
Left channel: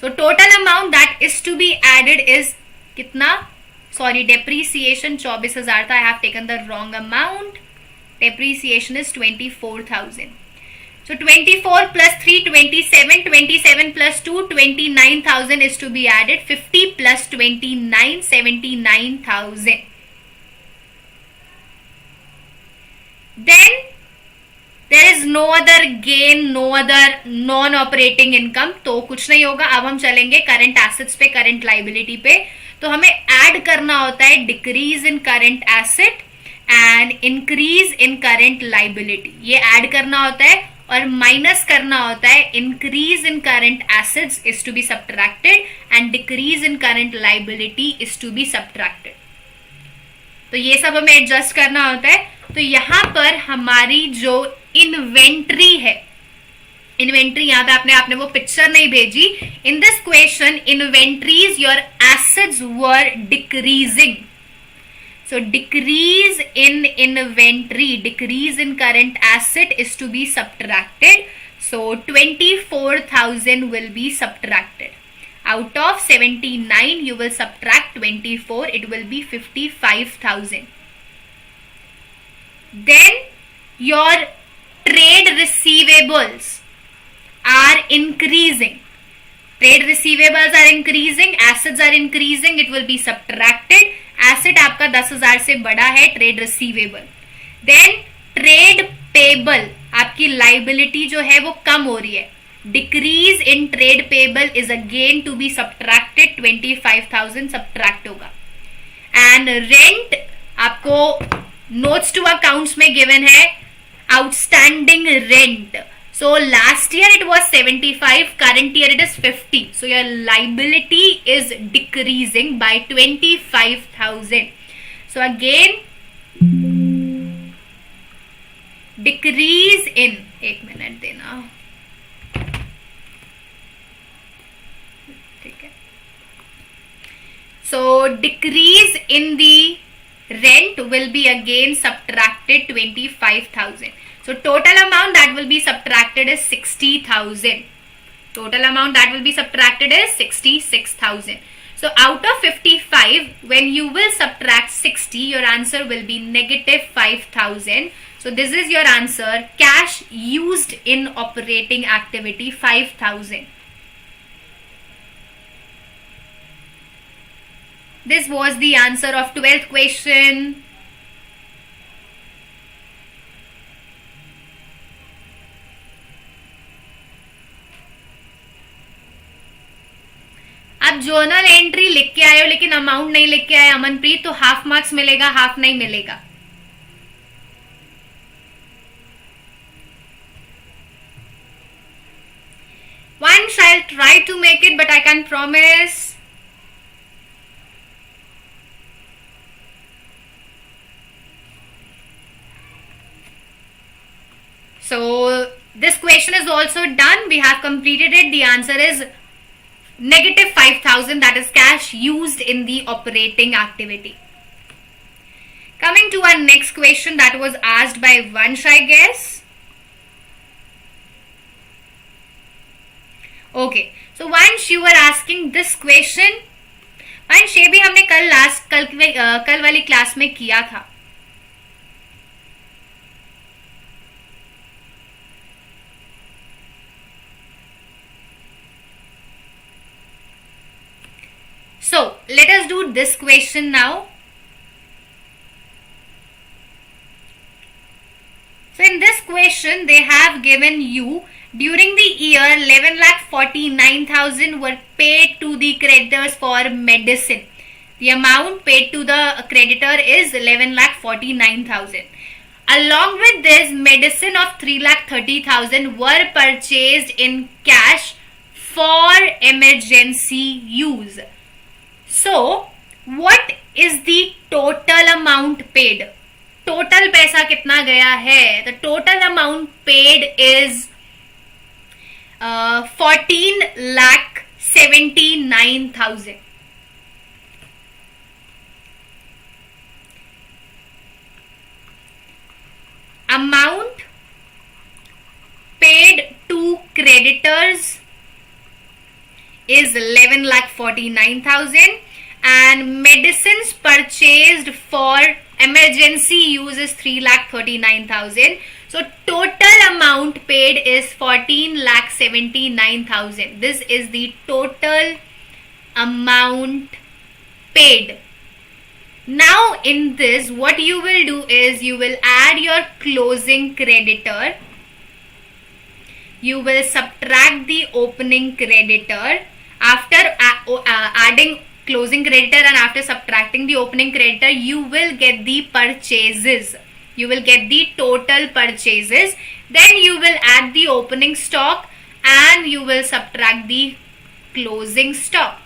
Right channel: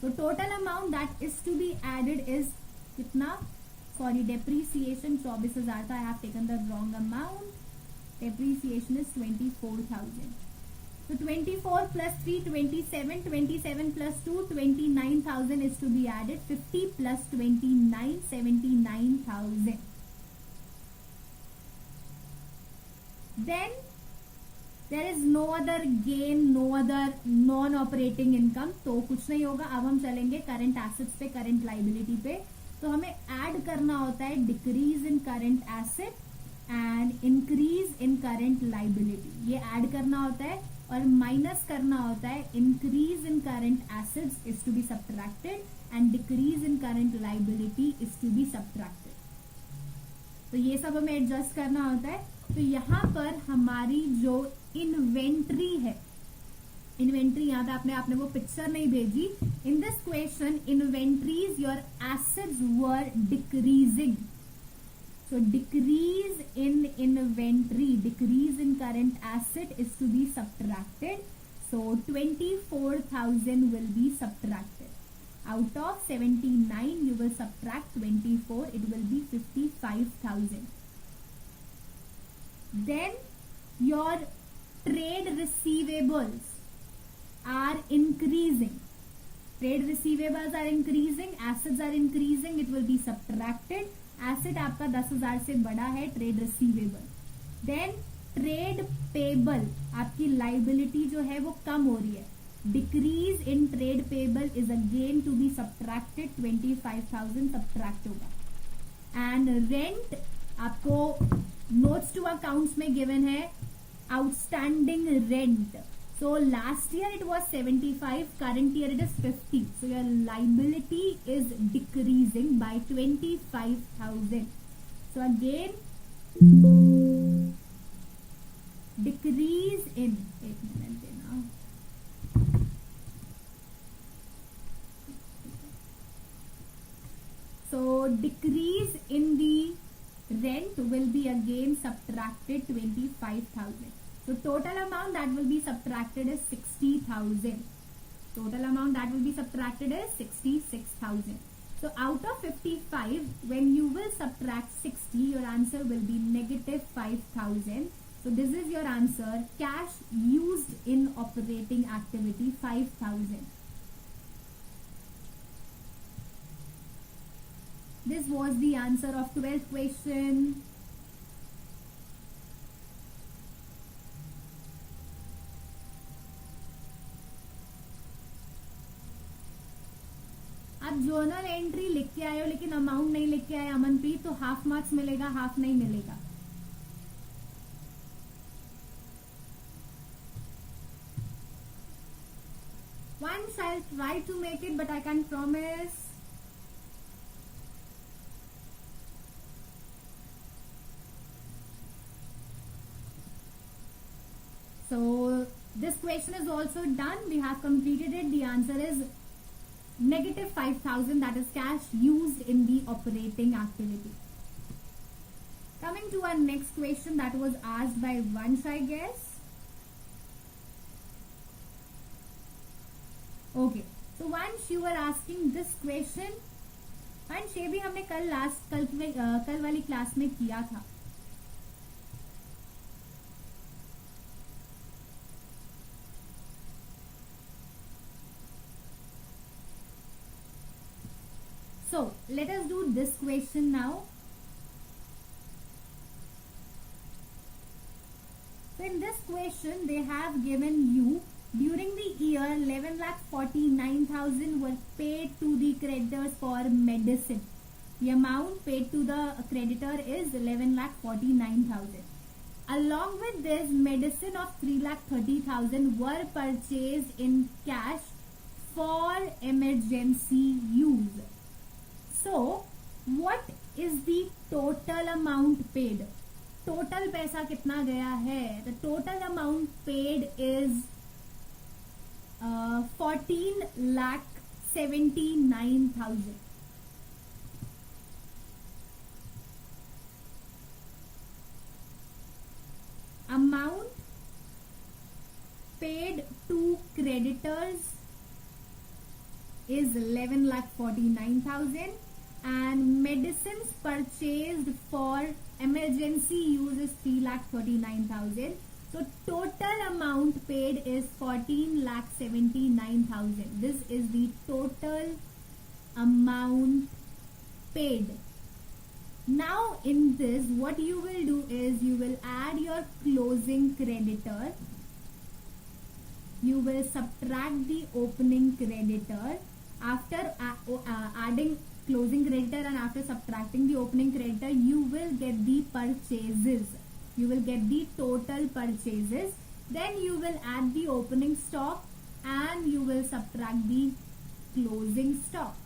So total amount that is to be added is कितना? Sorry, depreciation 24,000 था. I have taken the wrong amount. Depreciation is 24,000. So 24 plus 3, 27. 27 plus 2, 29,000 is to be added. 50 plus 29, 79,000. Then there is no other gain, no other non-operating income. तो कुछ नहीं होगा. अब हम चलेंगे current assets पे, current liability पे. तो हमें add करना होता है decrease in current asset and increase in current liability. ये add करना होता है और माइनस करना होता है increase in current assets is to be subtracted and decrease in current liability is to be subtracted. तो ये सब हमें एडजस्ट करना होता है. तो यहां पर हमारी जो इन्वेंट्री है, इन्वेंट्री यहां पे आपने वो पिक्चर नहीं भेजी. In this question inventories your assets were decreasing. So decrease in inventory, decrease in current asset is to be subtracted. So 24,000 will be subtracted. Out of 79, you will subtract 24. It will be 55,000. Then your trade receivables are increasing. Trade receivables are increasing. Assets are increasing. It will be subtracted. Asset आपका 10,000 से बड़ा है, trade receivable. Then trade payable, आपकी liability जो है वो कम हो रही है. Decrease in trade payable is again to be subtracted. 25,000 subtract होगा. एंड रेंट आपको नोट्स टू अकाउंट्स में गिवन है outstanding rent. So last year it was 75, current year it is 50. So your liability is decreasing by 25,000. So again, decrease in, एक minute देना, ठीक है. So decrease in the rent will be again subtracted 25,000. So total amount that will be subtracted is 60,000. Total amount that will be subtracted is 66,000. So out of 55, when you will subtract 60, your answer will be negative 5,000. So this is your answer. Cash used in operating activity 5,000. This was the answer of 12th question. आप journal entry लिख के आए हो लेकिन amount नहीं लिख के आए अमनप्रीत, तो हाफ मार्क्स मिलेगा, हाफ नहीं मिलेगा. Once I'll try to make it, but I can't promise. So this question is also done. We have completed it. The answer is negative 5,000, that is cash used in the operating activity. Coming to our next question that was asked by Vansh, I guess. Okay, so Vansh, you were asking this question. Vansh, ये भी हमने कल वाली class में किया था. So let us do this question now. So in this question they have given you during the year 11,49,000 were paid to the creditors for medicine. The amount paid to the creditor is 11,49,000. Along with this, medicine of 3,30,000 were purchased in cash for emergency use. So what is the total amount paid? Total पैसा कितना गया है? The total amount paid is 14,79,000. Amount paid to creditors is 11,49,000 and medicines purchased for emergency use is 3,39,000. So total amount paid is 14,79,000. This is the total amount paid. Now in this, what you will do is you will add your closing creditor. You will subtract the opening creditor. After adding closing creditor and after subtracting the opening creditor, you will get the purchases. You will get the total purchases. Then you will add the opening stock and you will subtract the closing stock.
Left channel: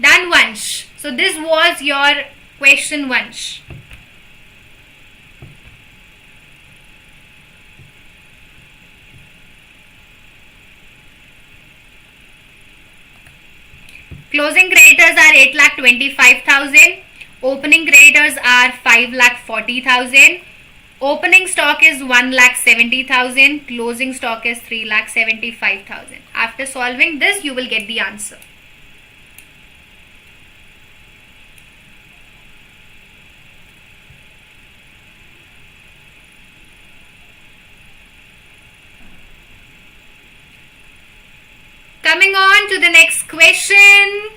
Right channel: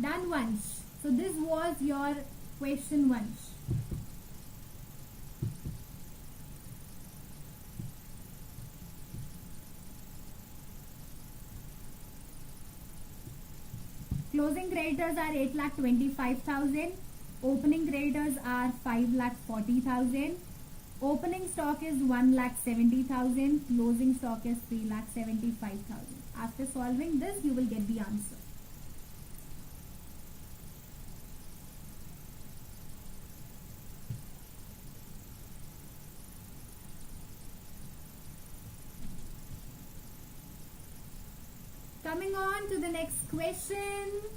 Done, Vansh. So this was your question, Vansh. Closing creditors are 8,25,000. Opening creditors are 5,40,000. Opening stock is 1,70,000. Closing stock is 3,75,000. After solving this, you will get the answer. Coming on to the next question.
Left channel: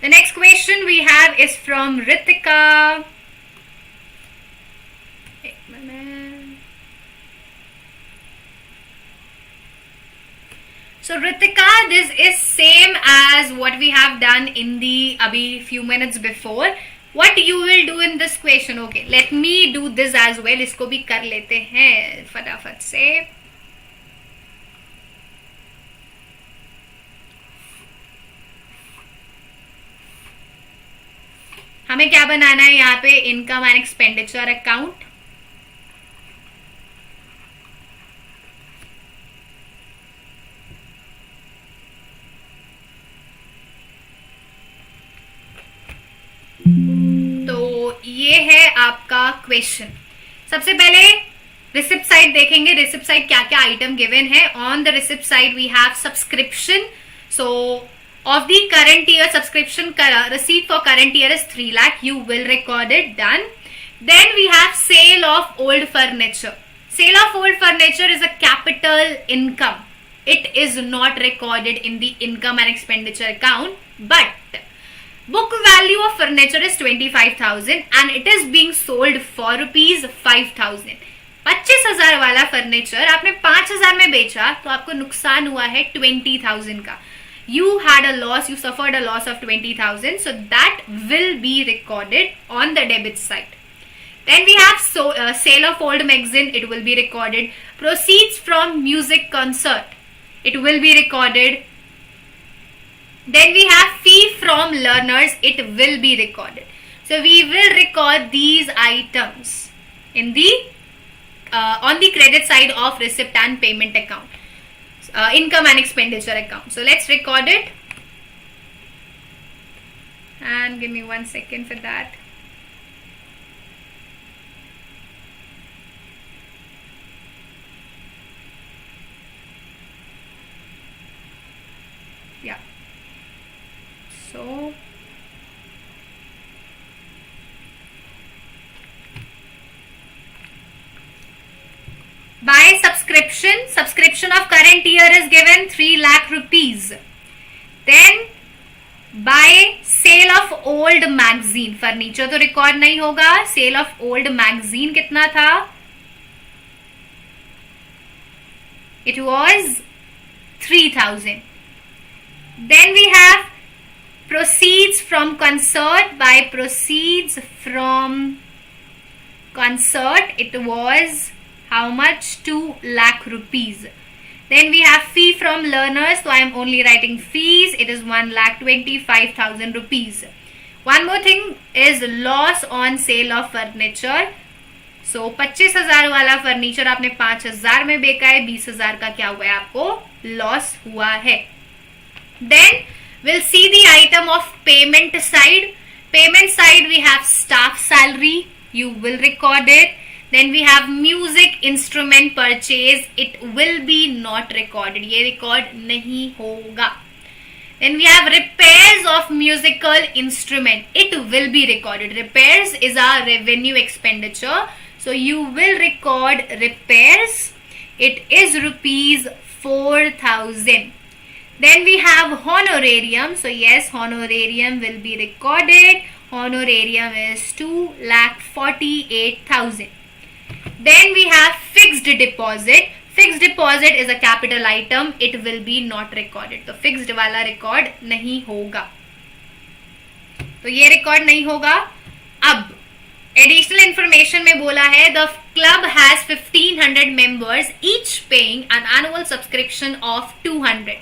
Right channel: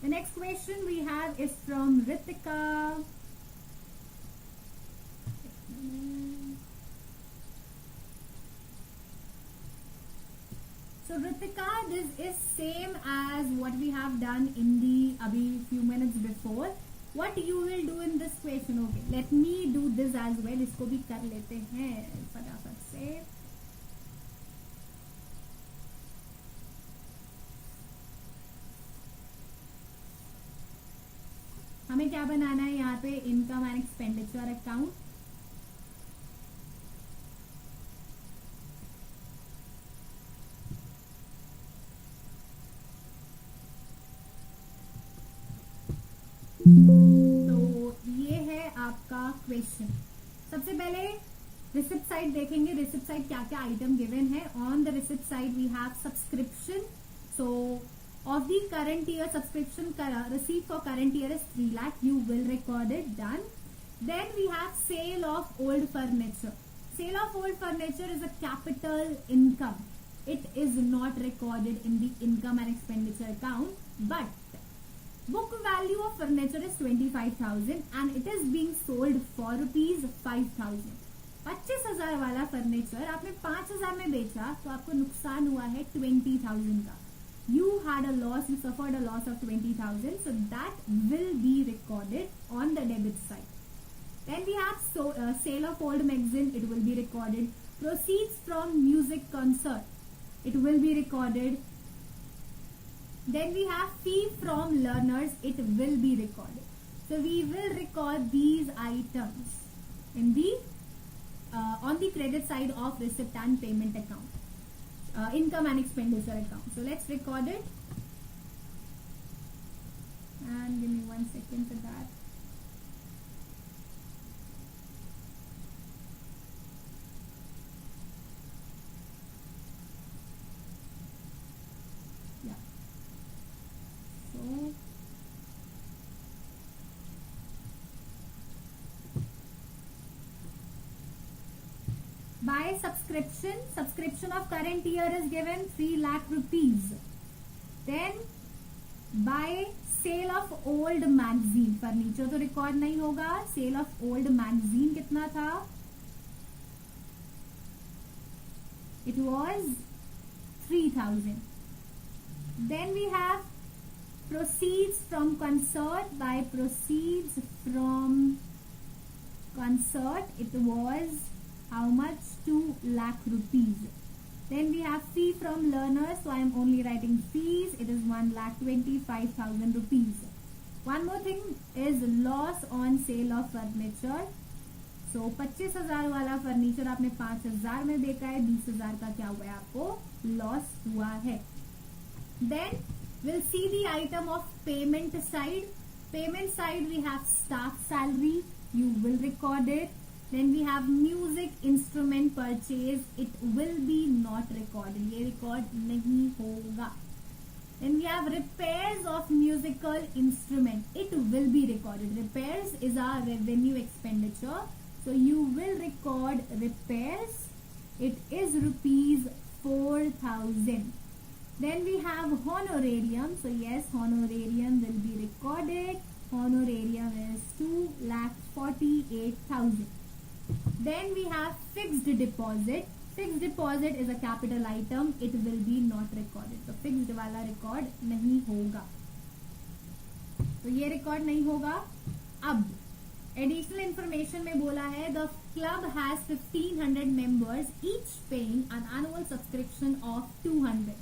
The next question we have is from Ritika. So Ritika, this is same as what we have done in the abhi few minutes before. What you will do in this question? Okay, let me do this as well. इसको भी कर लेते हैं फटाफट से. हमें क्या बनाना है यहाँ पे? Income and expenditure account. तो ये है आपका क्वेश्चन. सबसे पहले रिसिप्ट साइड देखेंगे. रिसिप्ट साइड क्या क्या आइटम गिवन है. On the receipt side we have subscription. So of the current year subscription receipt for current year is 3 lakh. You will record it. Done. Then we have sale of old furniture. Sale of old furniture is a capital income. It is not recorded in the income and expenditure account, but book value of furniture is 25,000 and it is being sold for rupees 5,000. 25,000 वाला furniture आपने 5,000 में बेचा तो आपको नुकसान हुआ है 20,000 का. You had a loss, you suffered a loss of 20,000, so that will be recorded on the debit side. Then we have sale of old magazine, it will be recorded. Proceeds from music concert, it will be recorded. Then we have fee from learners, it will be recorded. So we will record these items in the on the credit side of receipt and payment account, income and expenditure account. So let's record it. And give me 1 second for that. Yeah. So by subscription of current year is given 3 lakh rupees. Then by sale of old magazine, furniture तो record नहीं होगा. Cell of old magazine कितना था? It was 3,000. Then we have proceeds from concert. By proceeds from concert, it was how much? 2 lakh rupees. Then we have fee from learners, so I am only writing fees. It is 1,25,000 rupees. One more thing is loss on sale of furniture. So 25,000 वाला furniture आपने 5,000 में बेचा है. 20,000 का क्या हुआ है? आपको लॉस हुआ है. Then we'll see the item of payment side. Payment side we have staff salary. You will record it. Then we have music instrument purchase. It will be not recorded. ये record नहीं होगा. Then we have repairs of musical instrument. It will be recorded. Repairs is our revenue expenditure. So you will record repairs. It is rupees 4,000. Then we have honorarium. So yes, honorarium will be recorded. Honorarium is 2,48,000. Then we have fixed deposit. Fixed deposit is a capital item, it will B not recorded. तो fixed वाला record नहीं होगा, तो ये record नहीं होगा. अब additional information में बोला है the club has 1500 members each paying an annual subscription of 200.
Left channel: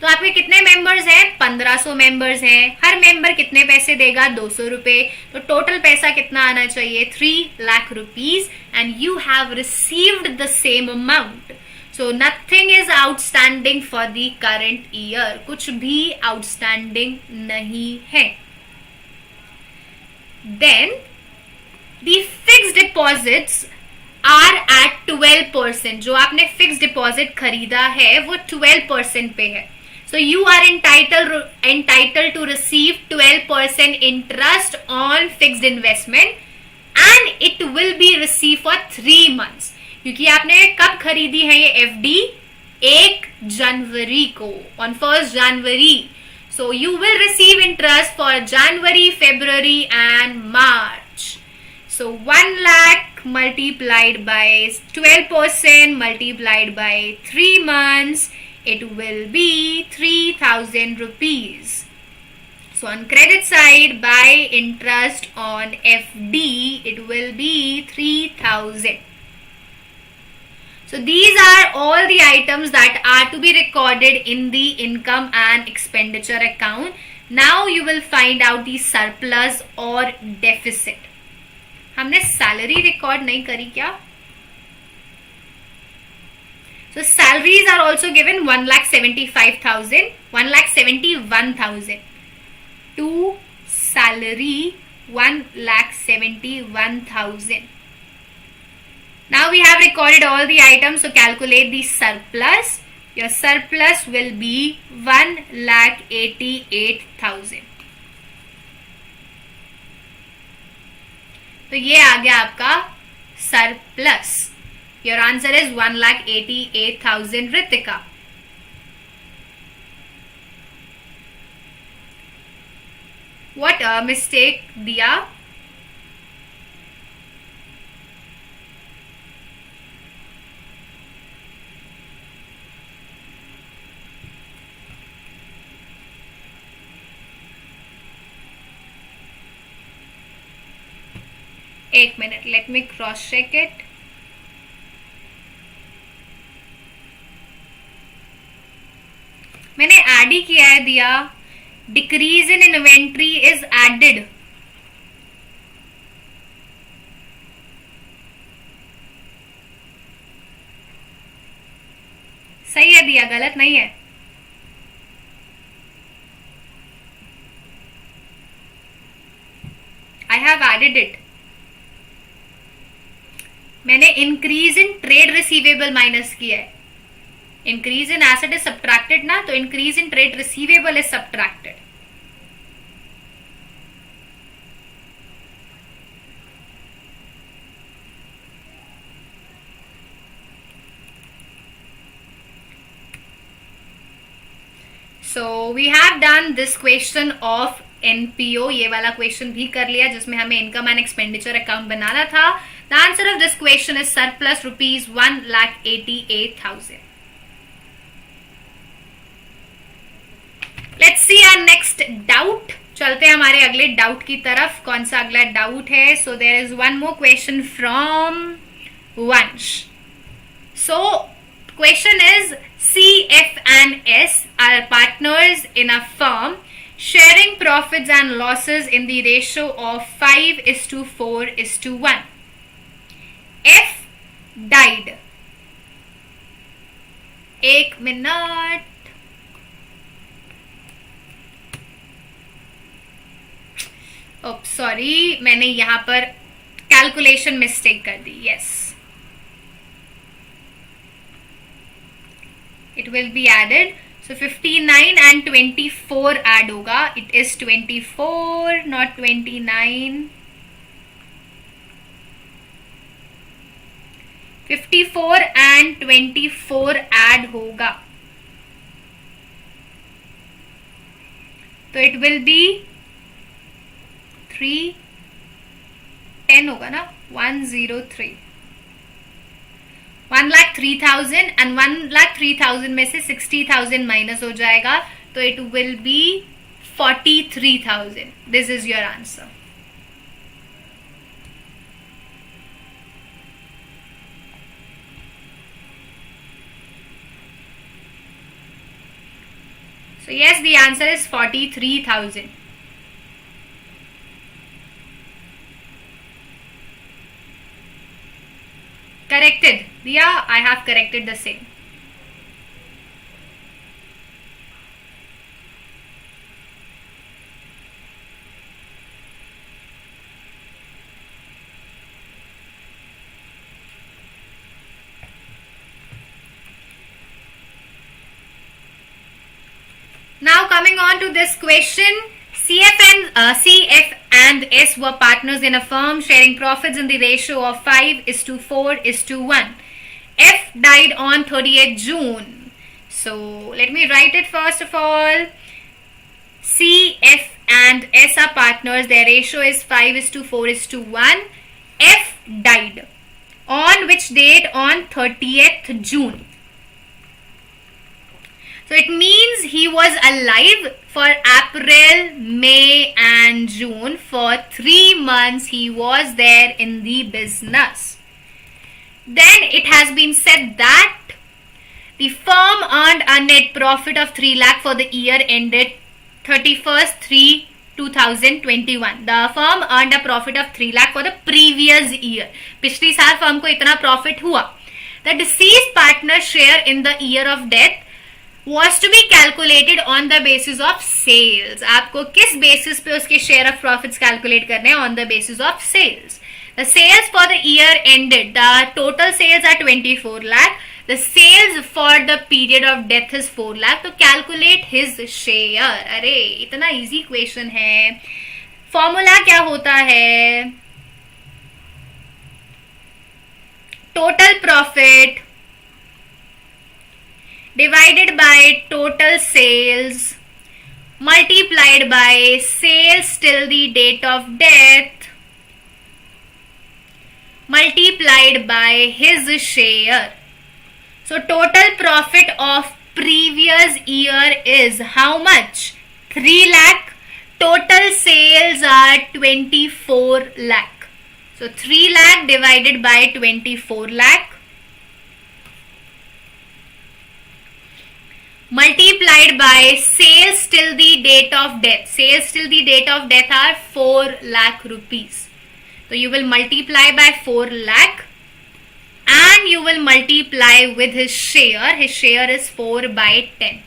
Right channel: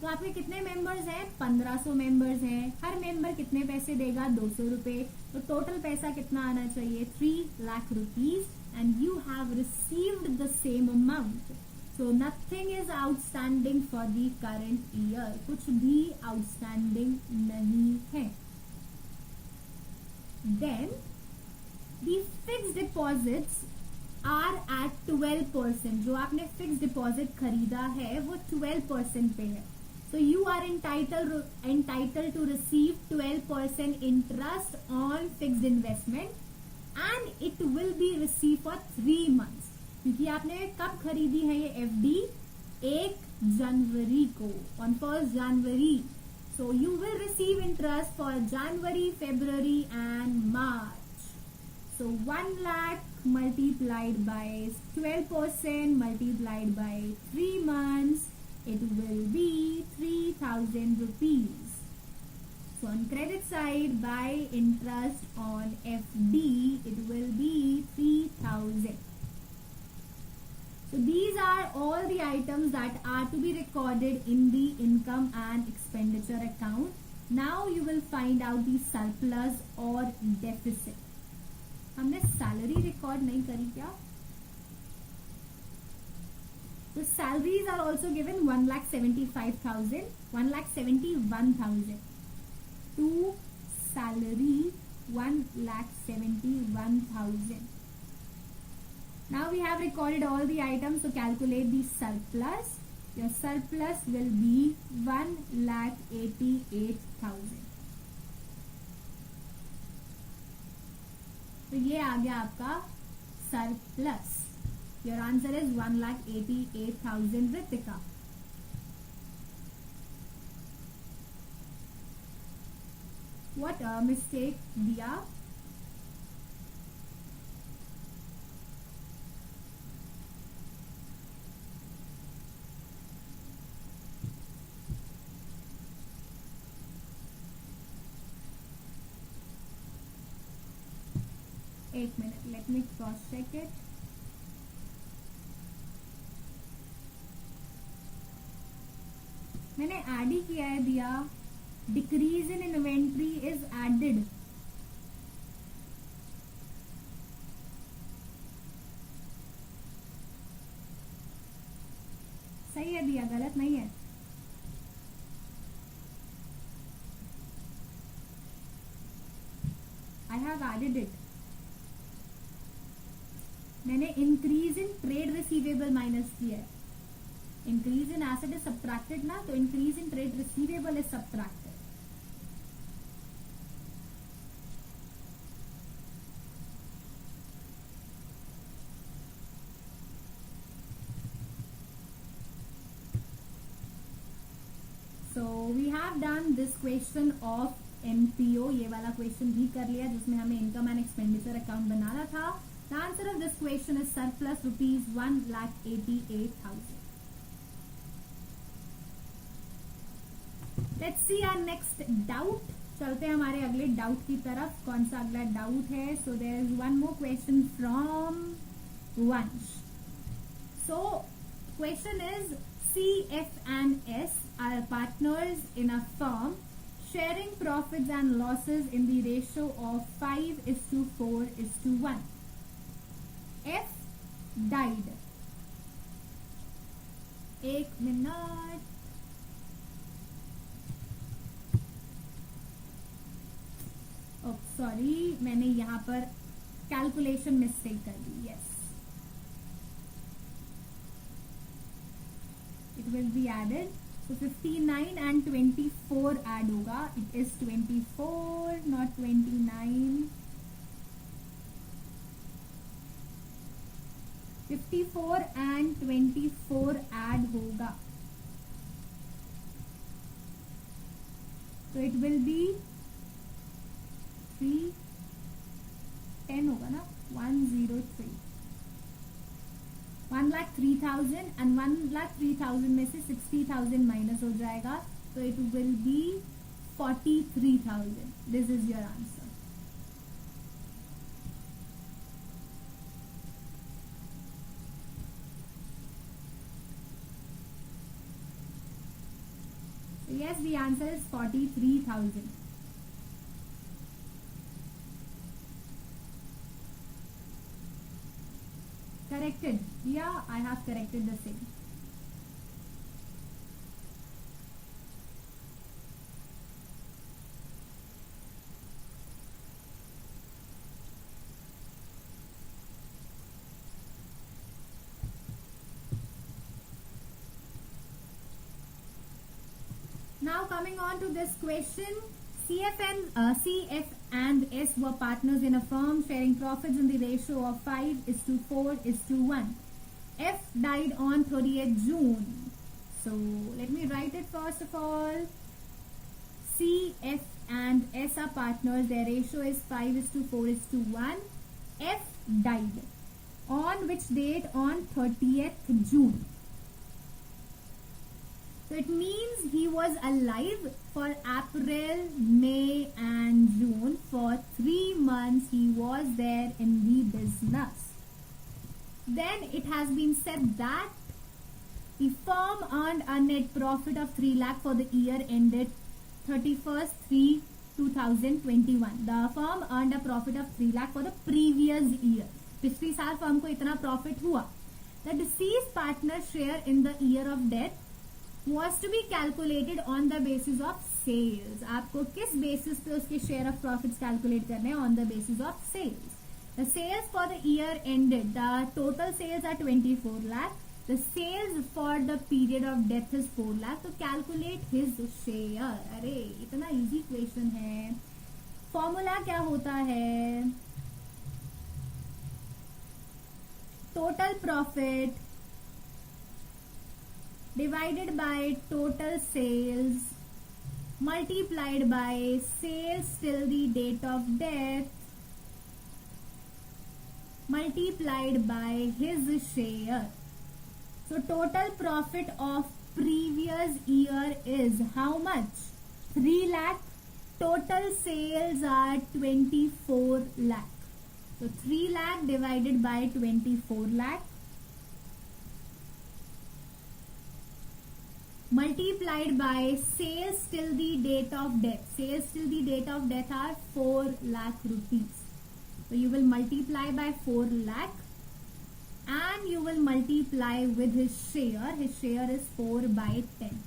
तो आपके कितने मेंबर्स हैं? 1500 मेंबर्स हैं. हर मेंबर कितने पैसे देगा? 200 रुपए. तो टोटल पैसा कितना आना चाहिए? 3 lakh rupees. And you have received the same amount. So nothing is outstanding for the current year. कुछ भी आउटस्टैंडिंग नहीं है. Then the fixed deposits are at 12%. जो आपने फिक्स डिपॉजिट खरीदा है वो 12% पे है. So you are entitled to receive 12% interest on fixed investment and it will be received for 3 months. क्योंकि आपने कब खरीदी है ये FD? 1 जनवरी को, on 1st January. So you will receive interest for January, February and March. So 1 lakh multiplied by 12% multiplied by 3 months, it will be 3000 rupees. So on credit side, by interest on FD, it will be 3000. So these are all the items that are to be recorded in the income and expenditure account. Now you will find out the surplus or deficit. हमने salary record नहीं करी क्या? So salaries are also given 1,75,000, 1,71,000. To salary 1,71,000. Now we have recorded all the items, so calculate the surplus. Your surplus will be 1,88,000. तो ये आ गया आपका surplus. Your answer is 1,88,000. Ritika, what mistake Diya? एक minute, let me cross check it. मैंने add ही किया है Diya. Decrease in inventory is added. सही है दिया, गलत नहीं है. I have added it. मैंने increase in trade receivable minus किया है. Increase in asset is subtracted ना, तो increase in trade receivable is subtracted. So we have done this question of NPO. ये वाला क्वेश्चन भी कर लिया जिसमें हमें इनकम एंड एक्सपेंडिचर अकाउंट बनाना था. The answer of this question is surplus rupees 1,88,000. Let's see our next doubt. चलते हैं हमारे अगले डाउट की तरफ. कौन सा अगला डाउट है? So there is one more question from Vansh. So question is, CF and S are partners in a firm sharing profits and losses in the ratio of 5:4:1. F died. एक minute. Sorry, मैंने यहां पर calculation mistake कर दी. Yes, it will be added. So 59 and 24 add होगा. It is 24 not 29. 54 and 24 add होगा, तो it will B 310 होगा ना. 103. 1,03,000 एंड 1,03,000 में से 60,000 माइनस हो जाएगा, तो it will B 43,000. This is your answer. So yes, the answer is 43,000. Corrected. Yeah, I have corrected the same. Now coming on to this question, CF and S were partners in a firm sharing profits in the ratio of 5:4:1. F died on 30th June. So let me write it first of all. CF and S are partners. Their ratio is 5:4:1. F died. On which date? On 30th June. So it means he was alive for April, May and June. For 3 months he was there in the business. Then it has been said that the firm earned a net profit of 3 lakh for the year ended 31st/3/2021. The firm earned a profit of 3 lakh for the previous year. पिछली साल firm को इतना profit हुआ. The deceased partner's share in the year of death was to be calculated on the basis of sales. आपको किस basis पे उसके share of profits calculate करने हैं? On the basis of sales. The sales for the year ended, the total sales are 24 lakh. The sales for the period of death is 4 lakh. तो calculate his share. अरे इतना easy question है. Formula क्या होता है? Total profit divided by total sales multiplied by sales till the date of death multiplied by his share. So total profit of previous year is how much? 3 lakh. Total sales are 24 lakh. So 3 lakh divided by 24 lakh multiplied by sales till the date of death. Sales till the date of death are 4 lakh rupees. So you will multiply by 4 lakh and you will multiply with his share. His share is 4/10.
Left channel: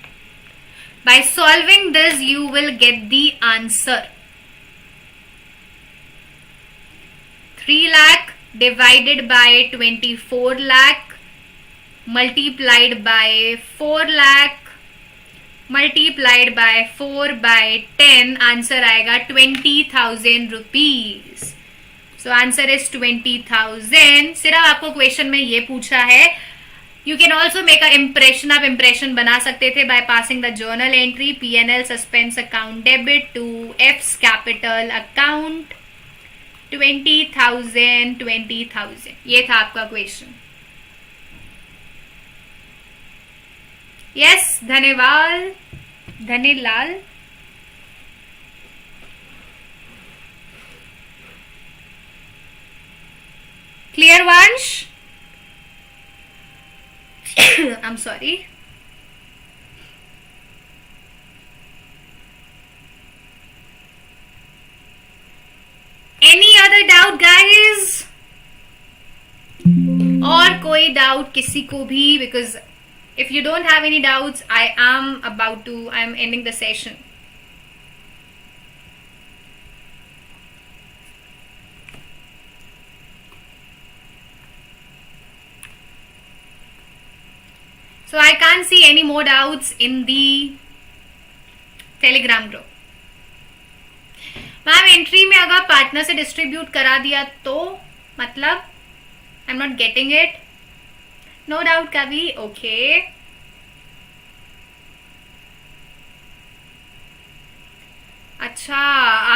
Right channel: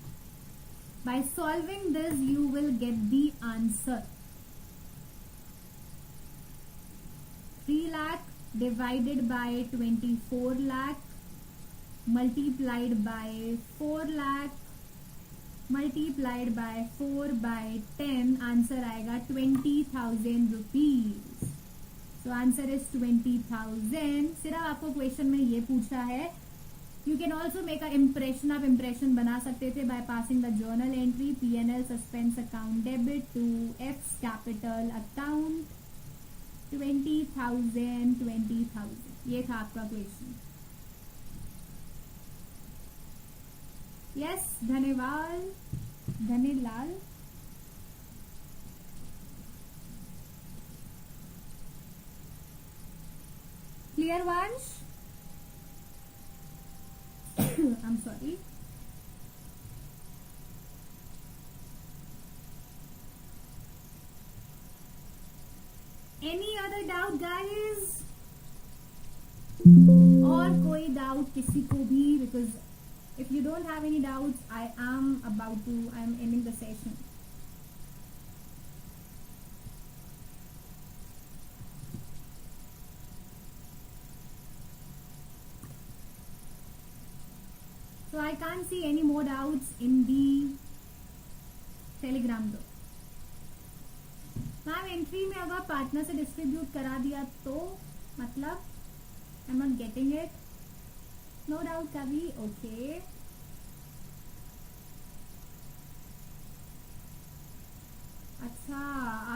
By solving this, you will get the answer. 3 lakh divided by 24 lakh multiplied by 4 lakh multiplied by 4/10. Answer आएगा 20,000 rupees. So answer is 20,000. सिर्फ आपको question में ये पूछा है. You can also make a impression. आप impression बना सकते थे by passing the journal entry P&L suspense account debit to F's capital account. 20,000 20,000. ये था आपका क्वेश्चन. Yes, धन्यवाद Dhanilal. Clear, Vansh? I'm sorry. Any other doubt, guys? और कोई doubt किसी को भी? Because if you don't have any doubts, I'm ending the session. So I can't see any more doubts in the Telegram group. Ma'am entry में अगर partner से distribute करा दिया तो मतलब I am not getting it. No doubt कभी. Okay अच्छा,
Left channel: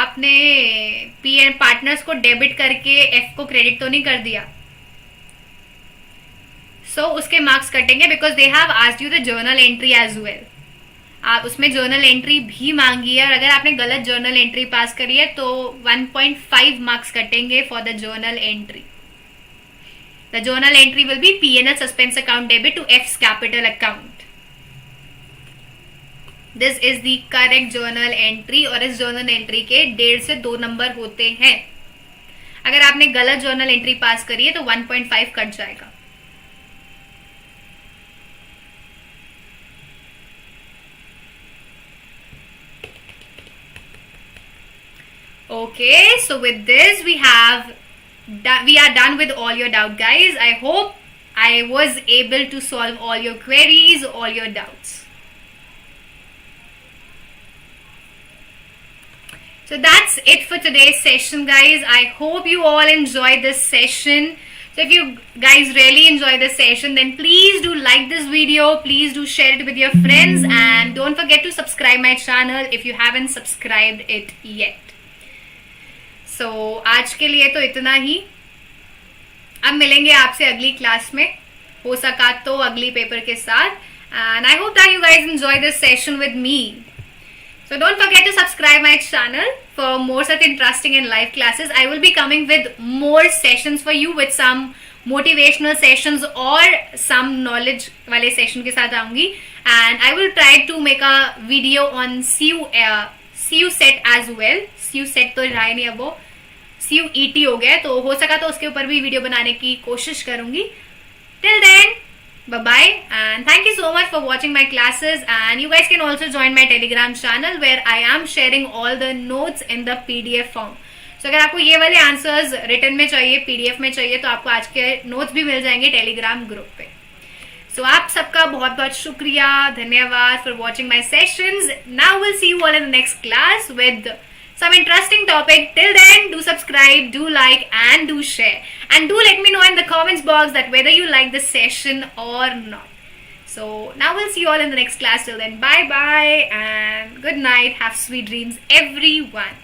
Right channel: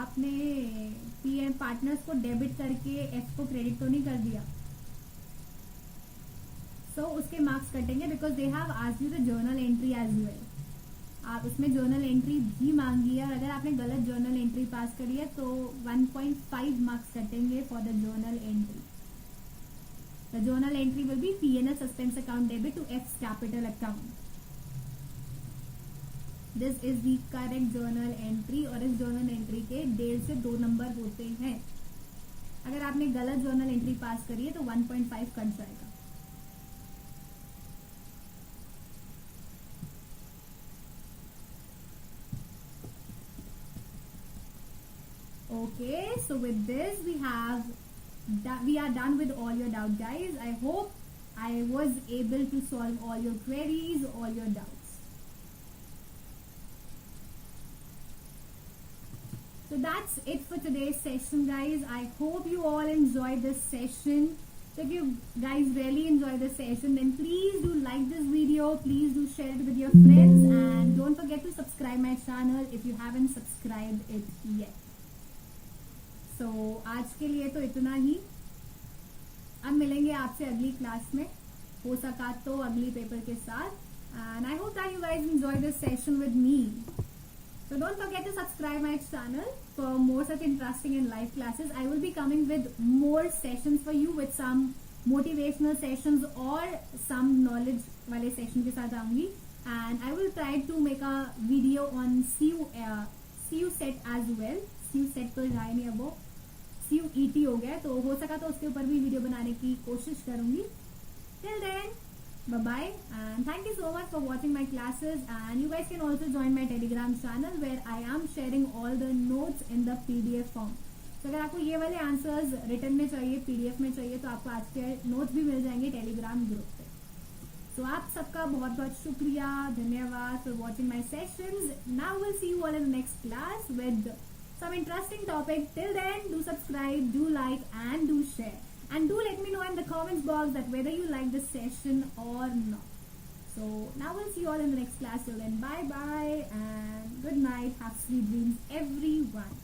आपने पीएन पार्टनर्स को डेबिट करके एफ को क्रेडिट तो नहीं कर दिया. सो उसके मार्क्स कटेंगे because they have asked you the journal entry as well. आप उसमें जर्नल एंट्री भी मांगी है और अगर आपने गलत जर्नल एंट्री पास करी है तो 1.5 मार्क्स कटेंगे for the journal entry. The journal entry will be P&L suspense account debit to F's capital account. This is the correct journal entry और इस जर्नल एंट्री के 1.5 से 2 नंबर होते हैं. अगर आपने गलत जर्नल एंट्री पास करी है तो 1.5 कट जाएगा. Okay, so with this we are done with all your doubt, guys. I hope I was able to solve all your queries, all your doubts. So that's it for today's session, guys. I hope you all enjoyed this session. So if you guys really enjoy this session, then please do like this video, please do share it with your friends, and don't forget to subscribe my channel if you haven't subscribed it yet. So आज के लिए तो इतना ही. अब मिलेंगे आपसे अगली class में, हो सका तो अगली पेपर के साथ. And I hope that you guys enjoy this session with me. So don't forget to subscribe my channel for more such interesting and live classes. I will be coming with more sessions for you with some motivational sessions or some knowledge वाले session के साथ आऊँगी. And I will try to make a video on CU set as well. CU set तो रहा ही नहीं, अब वो CUET हो गया, तो हो सका तो उसके ऊपर भी वीडियो बनाने की कोशिश करूँगी. Till then, bye-bye and thank you so much for watching my classes, and you guys can also join my Telegram channel where I am sharing all the notes in the PDF form. So अगर आपको ये वाले answers written में चाहिए, PDF में चाहिए, तो आपको आज के नोट्स भी मिल जाएंगे टेलीग्राम ग्रुप पे. So आप सबका बहुत बहुत शुक्रिया, धन्यवाद for watching my sessions. Now we'll see you all in the next class with some interesting topic. Till then, do subscribe, do like and do share, and do let me know in the comments box that whether you like this session or not. So now we'll see you all in the next class. Till then, bye bye and good night. Have sweet dreams, everyone.